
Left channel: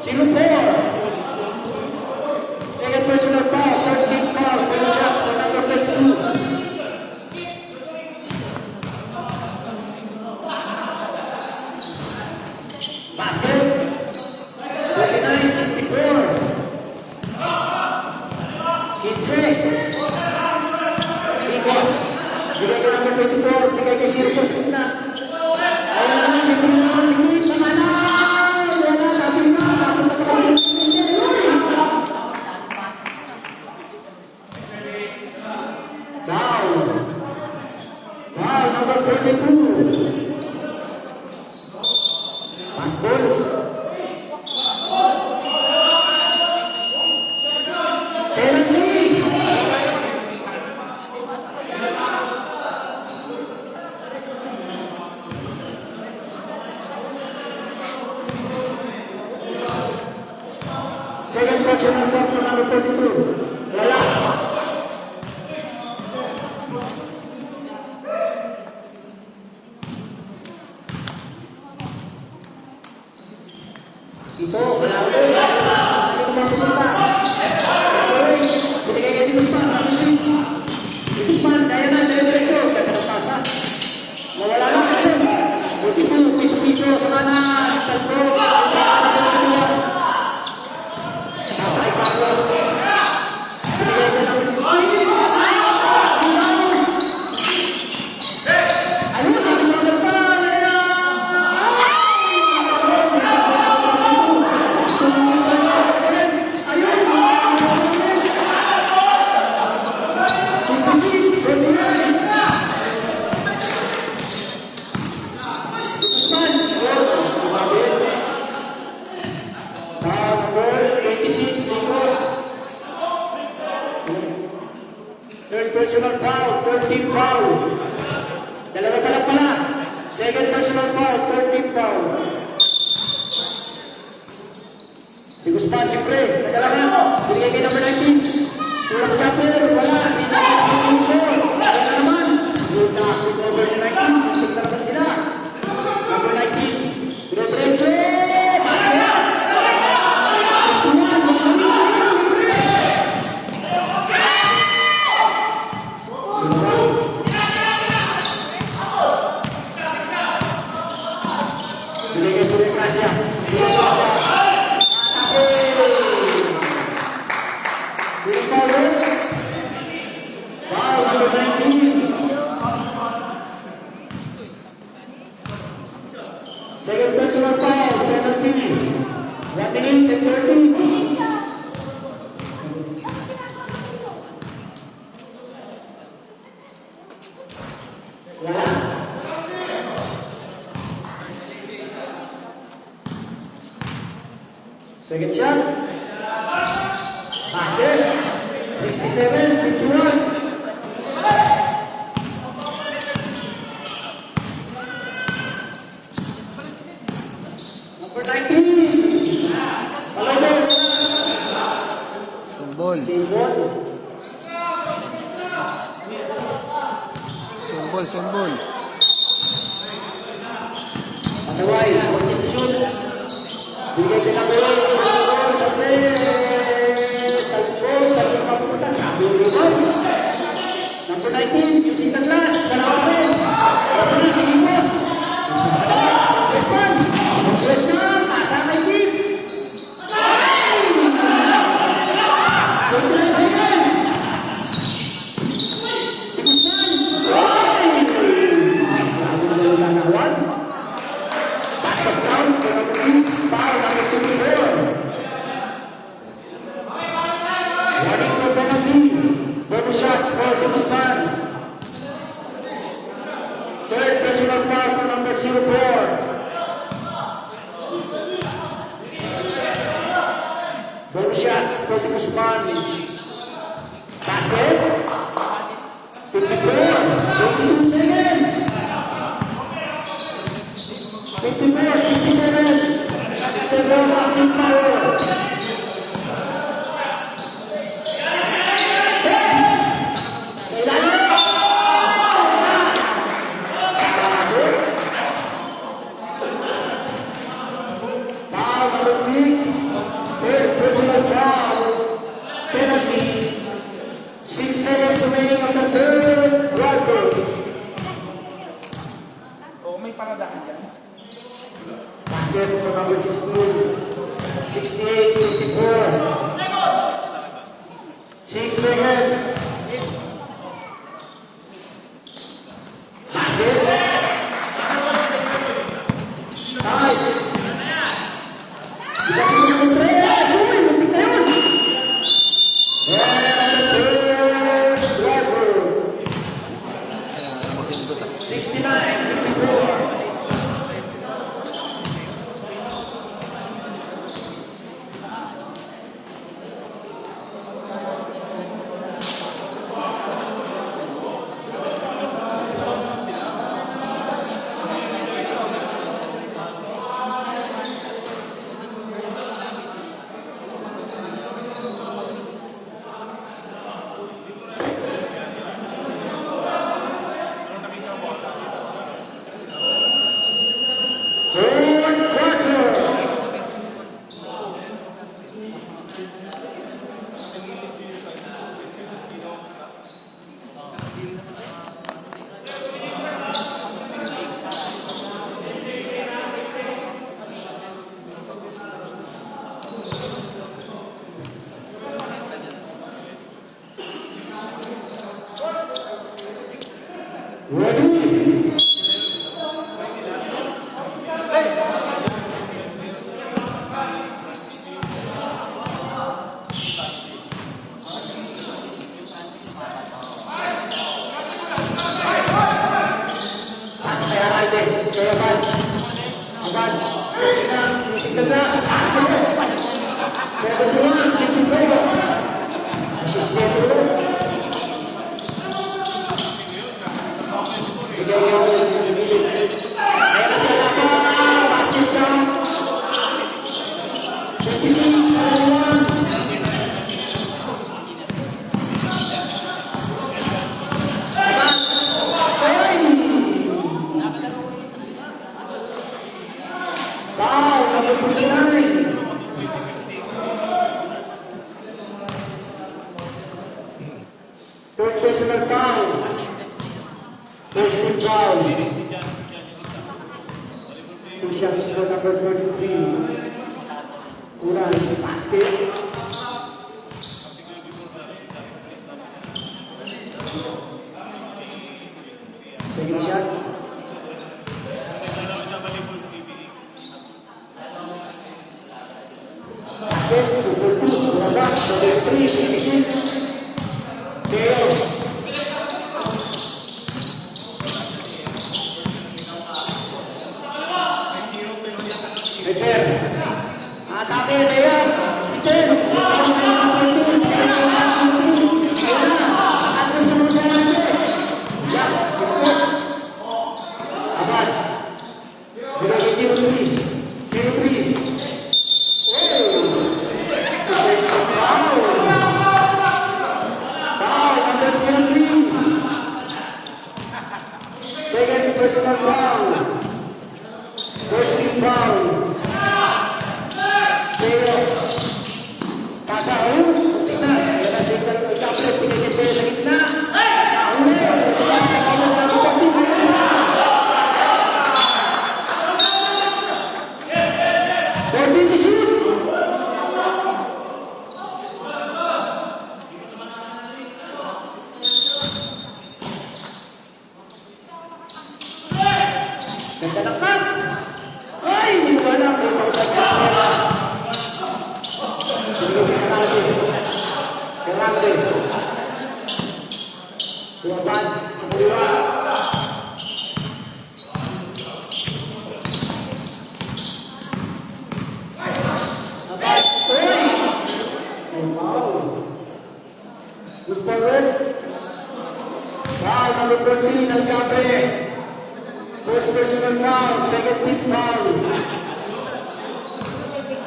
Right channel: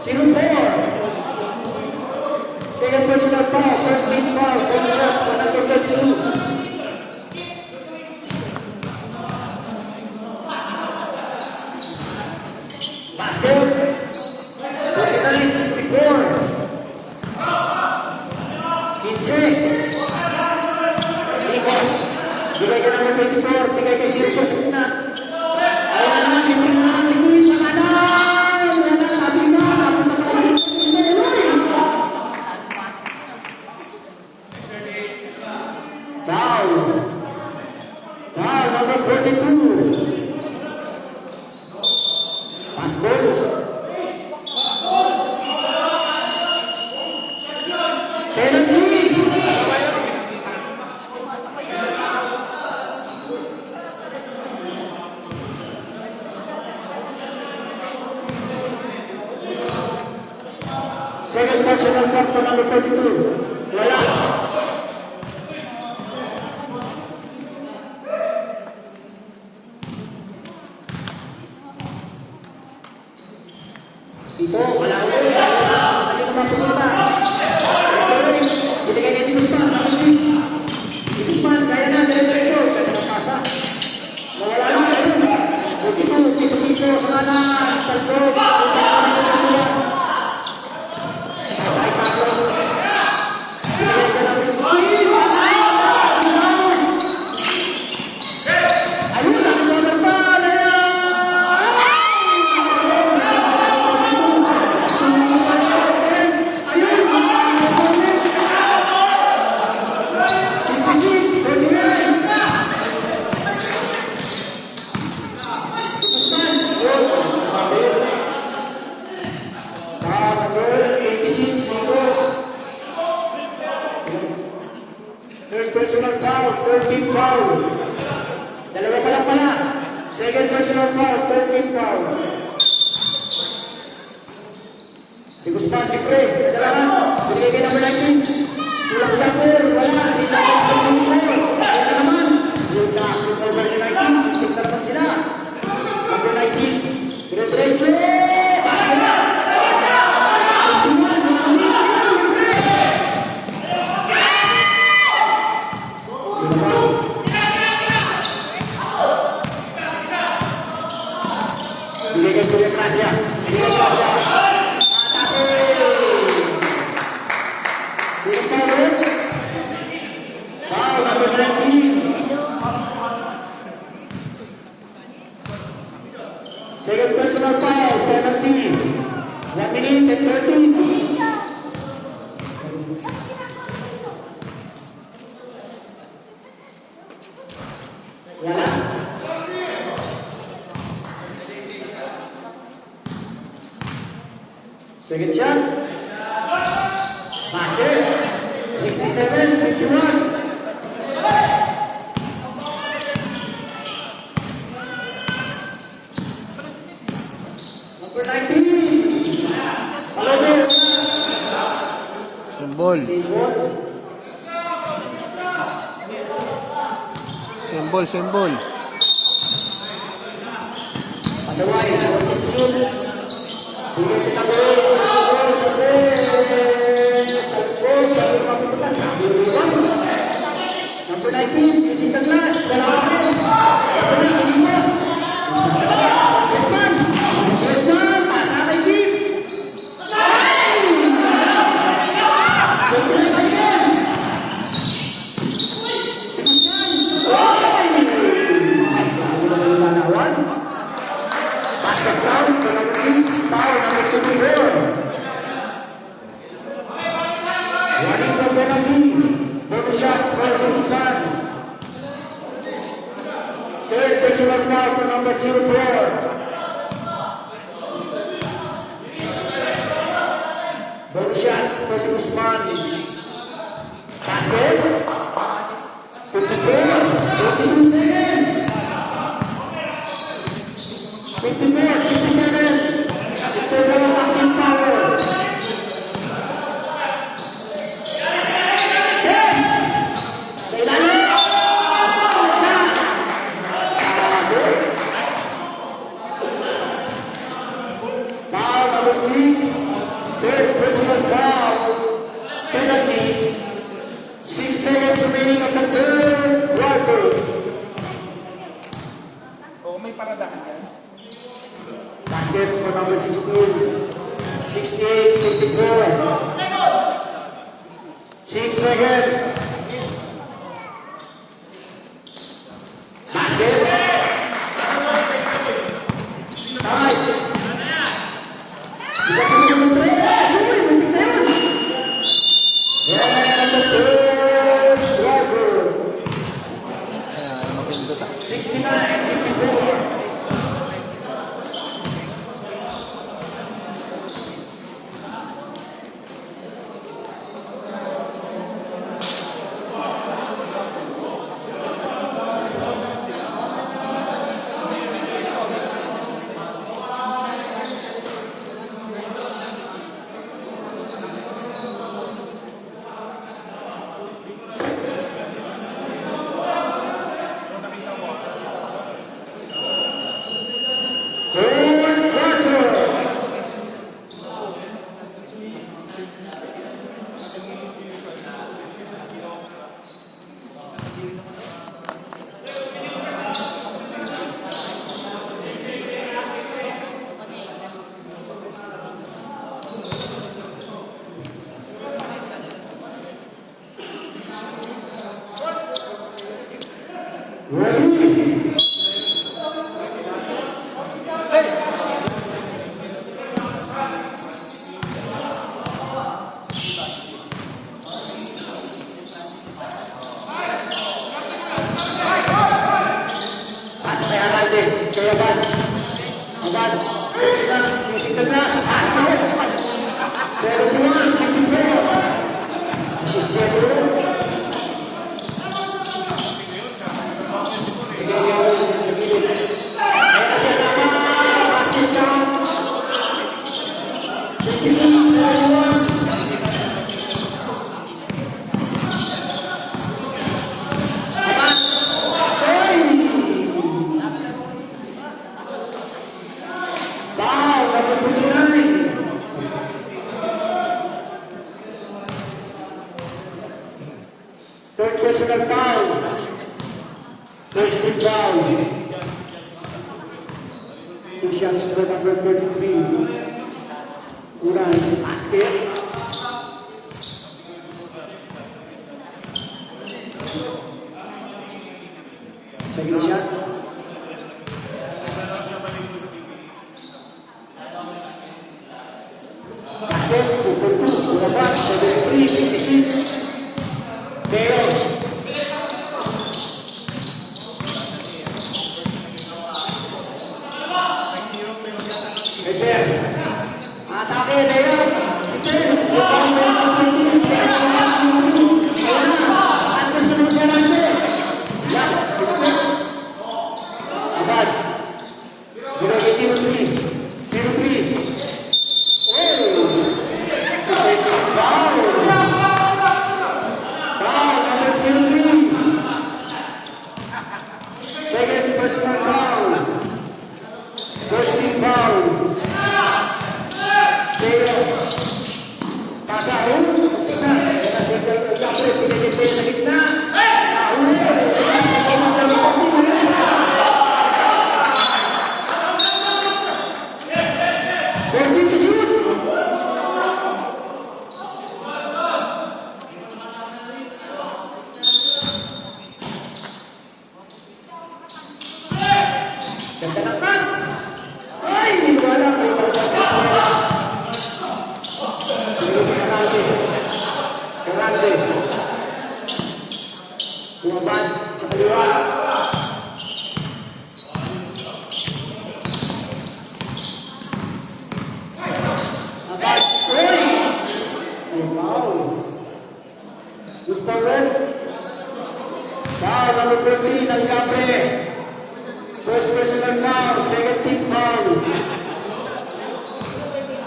Zero player. Second personal foul, first team foul, 10 shots for number 22. Basket. 49-64. Kinse. Nikos. Bigay ka namin 24. Bigay kay Sirko sa una. Ayaw na naman. Bigay mo naman si William sa kanan. Wala. Sabi na. Foul. Foul number 22. Pass ball. Second personal foul for number 32. Wala. Ito, wala. Binigay kay Guzman, Swiss. Guzman, kaya na, dahil-dahil. Kaya pumapasa. Nawala na, ayun. Ito, piso-piso sa mga salpon. Pasay Carlos. Third personal foul, third team foul. Dalawa pa lang pala. Second personal foul, third team foul. Si Guzman, Libre, dalawa mo. Binigay kay number 19. Tulak Chapter, wala. Binigay kay number 5. Kaya na naman. Yung na-after over ni 19. Tignan na naman sila. Number 19. Rodrigue! Basket! Tignan, Binigay ko yung Asia. Binigay ko Asia. Sino foul? Foul, number 19. Second personal foul, penalty. 1 minute and 13. Wala. Second shot. Basket. 67-51. Number 19. Olympic. Symbol. Symbol. Symbol, symbol. Pasaway. Shoots. Bigay ka na Number 19, using the glass. Guzman, asa ka deep. Basket down, foul number 74. Running for penalty. Bonus shots for Guzman. Third personal foul to number 04. Bonus shots for Guzman. Basket. 54. 22 seconds. 54, 67. Ito na ang ating power. Foul number 6. Third personal foul. Penalty. 6 seconds remaining on the third quarter. Oo, may paradahan yan. Basket for number 16. 68-54. 6 seconds. Basket. Out. Kita perlu berpera. Sini, berpera. And on the third quarter. 69-54. Third quarter. Ready? Third personal foul. First team foul. Two shots to number 33. Una, basket. Second shot. Basket, 2-2, Uragak, 73-56. Teo. Eter. Atake Teo. Eter. Second personal foul. First team foul. Teo. Pasahun. Grande. Tuaban, Cikaliwa. Foul number 13, Alcatre. First personal foul, second team foul.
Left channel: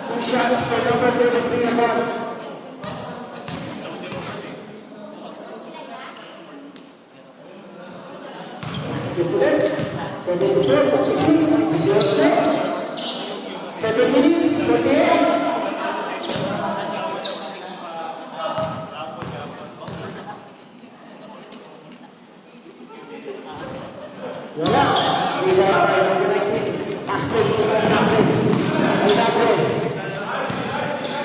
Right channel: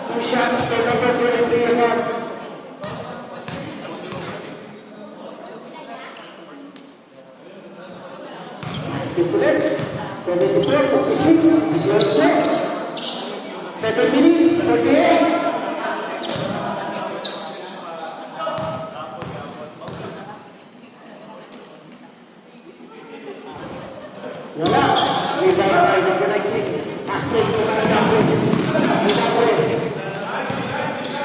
Two shots for number 23 above. Seven minutes, okay?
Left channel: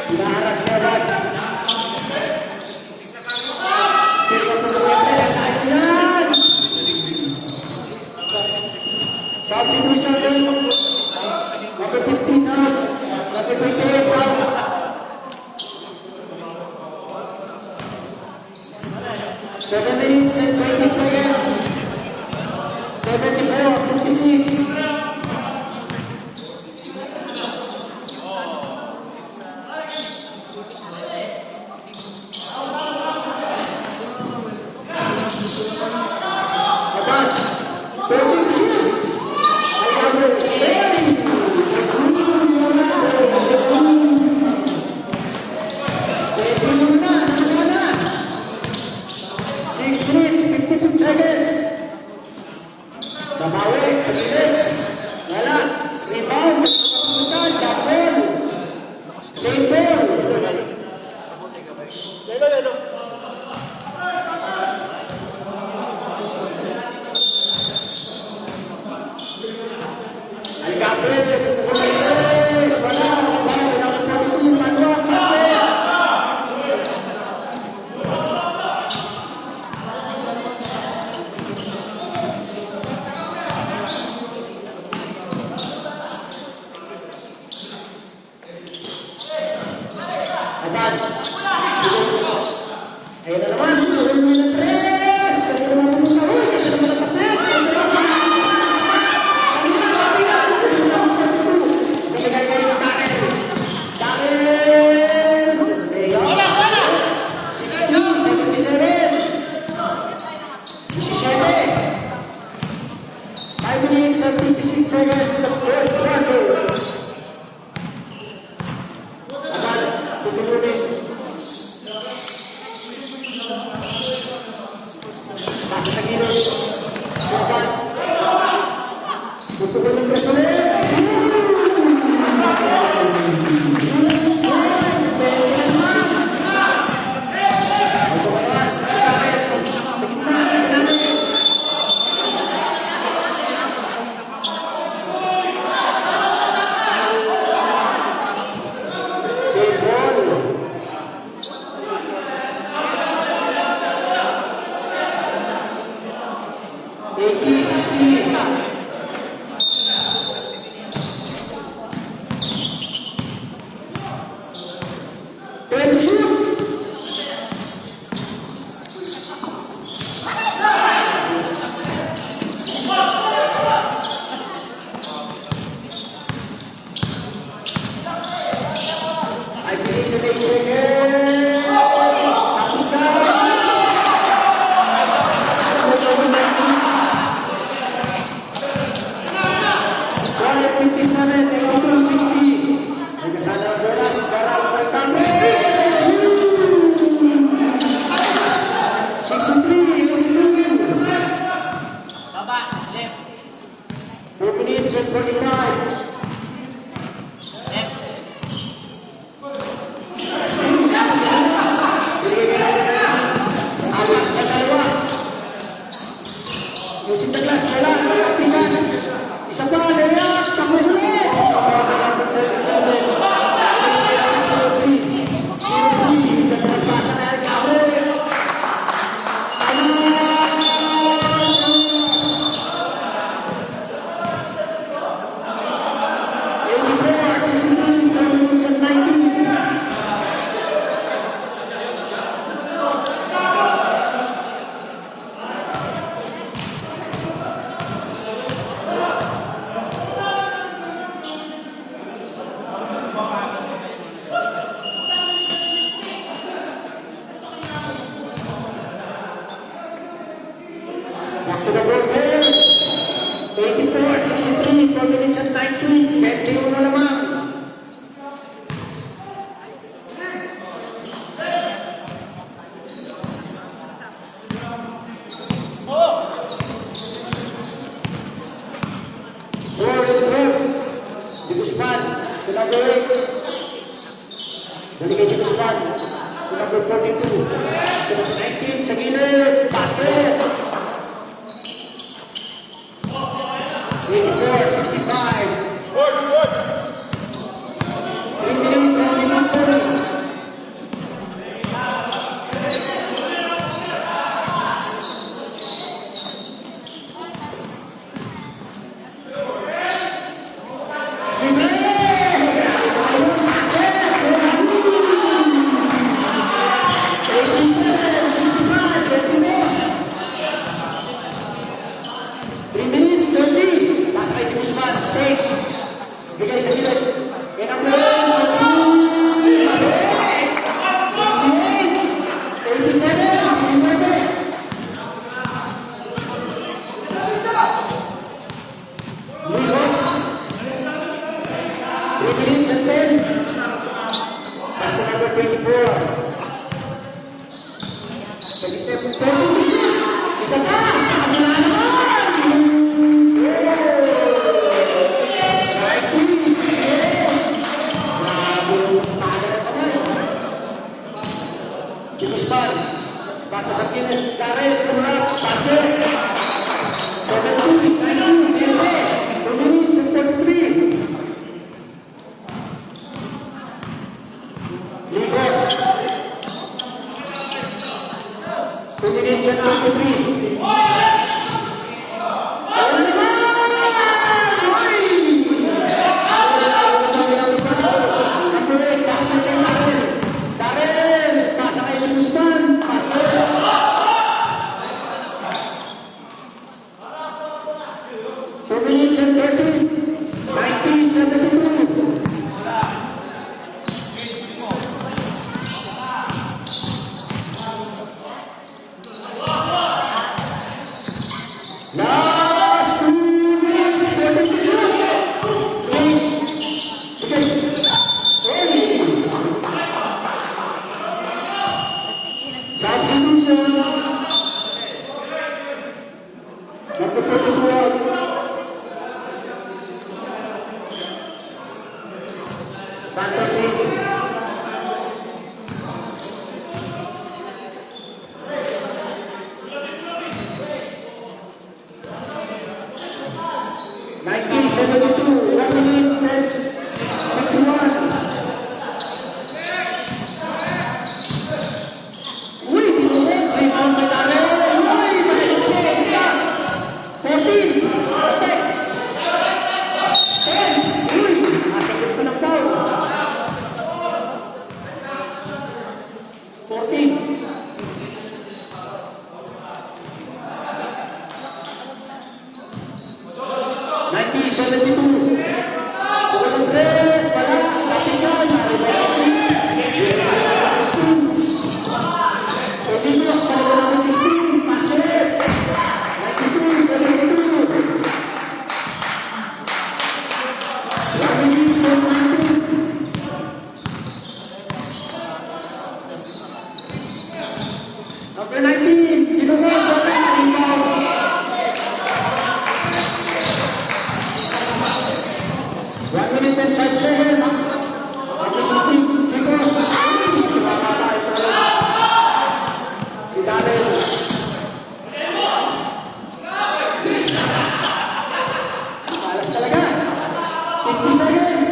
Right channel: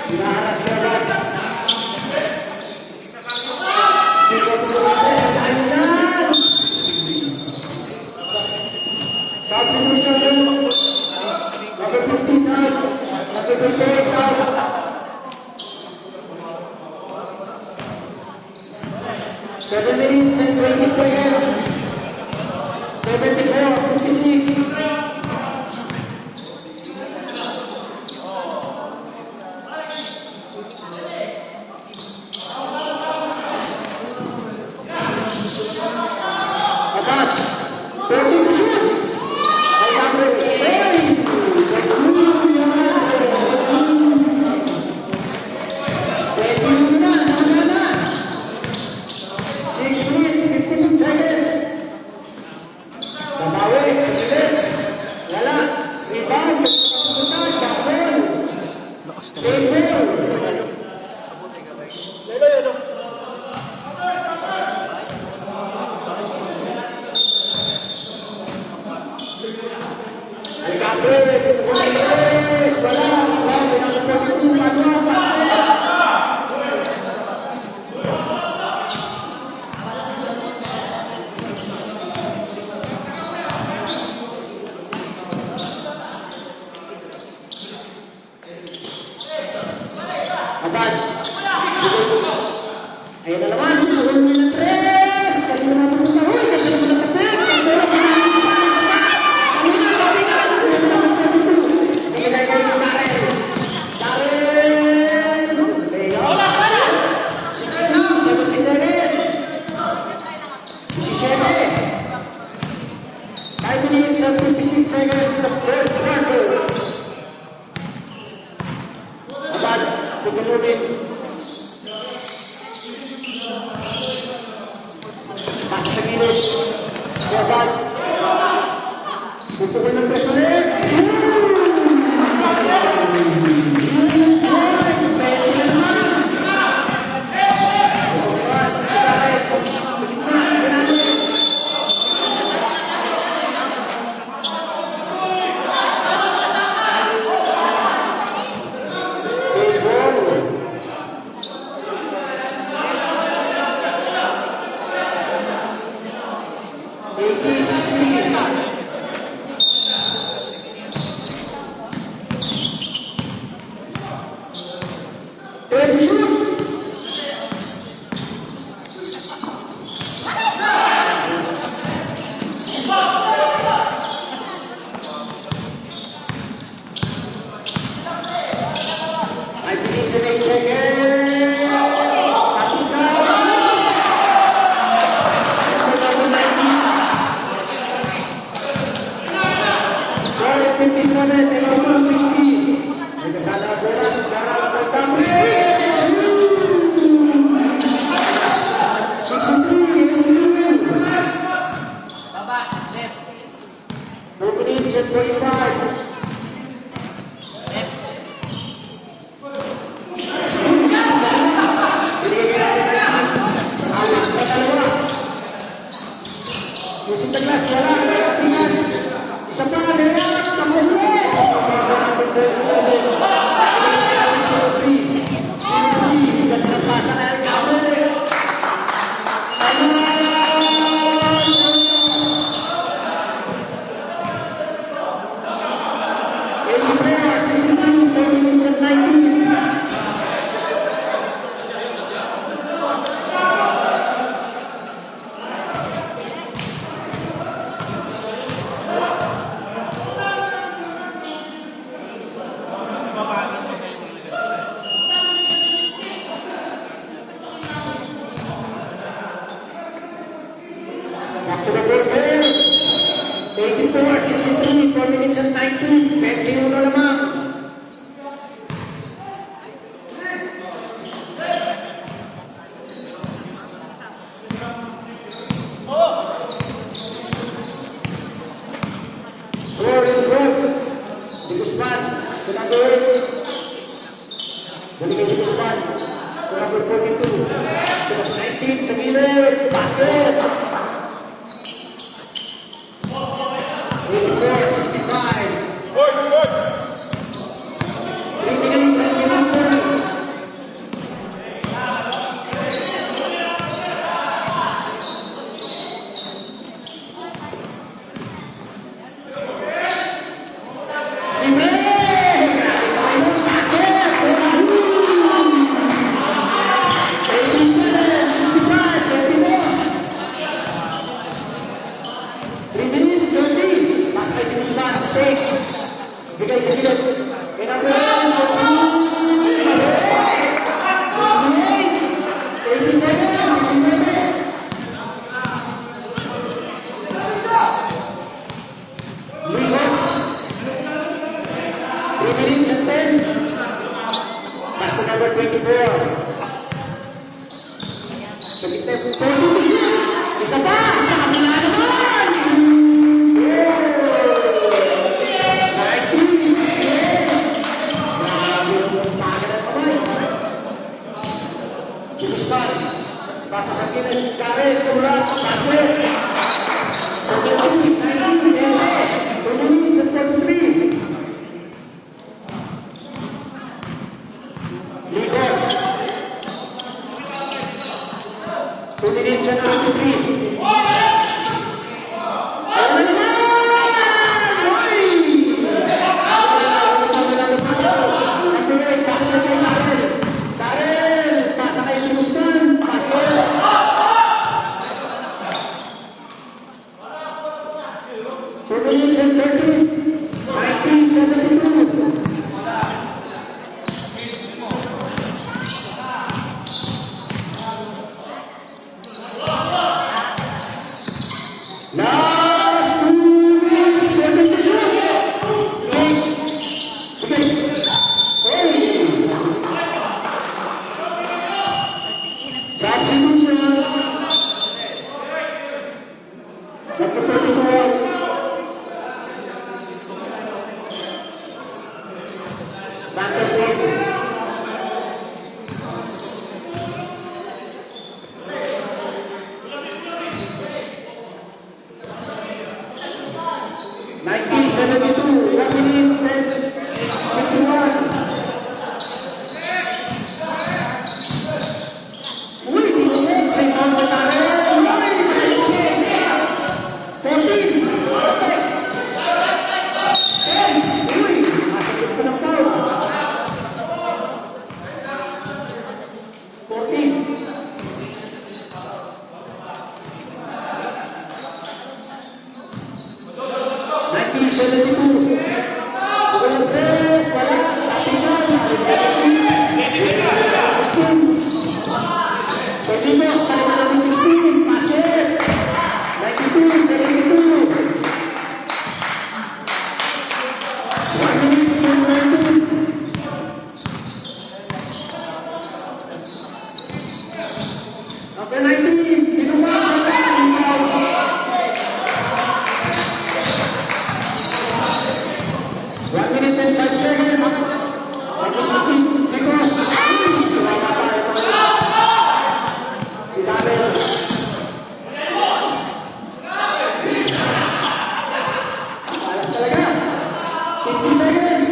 Inaharas na agad. Substitution din. Mapipitin out. Mapipitin out. 7 minutes and 20 seconds. 74-56. Abad. 30 to shoot. Ayan na naman, turun mo ng press! Seconds, the fourth quarter. Abad, pagulunin. Masih minit. Abad. Pagulunin ka sulit. Back to the board here. 84, 63, 4 minutes and 19. 21 na naman. Di Guzman, pinagawin. Bumigay di Guzman. Pinagawin 42. Pinagawin 19 sa gilid. Basket. 84, 65. 3 minutes and 11. 24. Sa gitna po, 42 siya. Isa pa, sa kanila naman. Kimistan, nasa sa kilid ni Garrett, Kumrat, Kasper. 17, 19, 20, 2 minutes and 33. Ligos. 2 minutes and 23. Last 2 minutes, 20 shoot. Substitution. Number 24. Santos City. Nineteen 72, 1 minute and 21. Uy, binigyan, rebound na rin. Uy, binigyan. 14, perfect. 10, uy, masakit pa lang daw. 14. 1972. Walang press, walang kapigan, Pedimos para ka natin 16, Pastor. 92, 72. 1 minute, 72. Okay, 19, tinumag, One minute and 5 seconds. Okay, 16. Because si Daniel. Alas talaga. 50 seconds.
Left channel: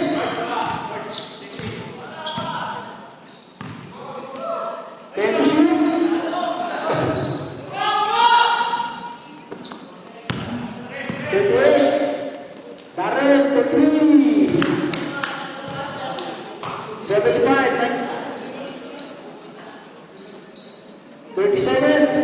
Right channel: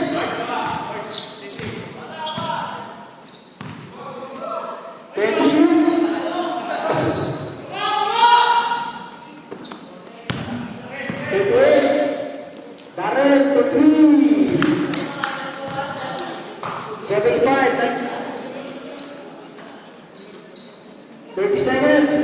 Barrett, the 3. 75. 30 seconds.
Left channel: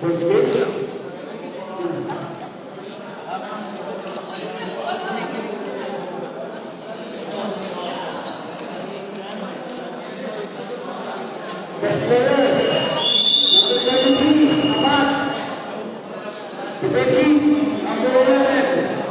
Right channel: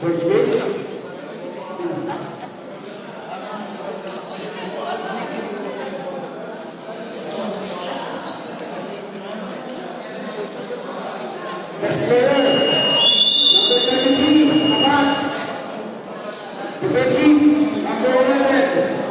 First game. Best player, number 33, Abad. Defensive, number 11.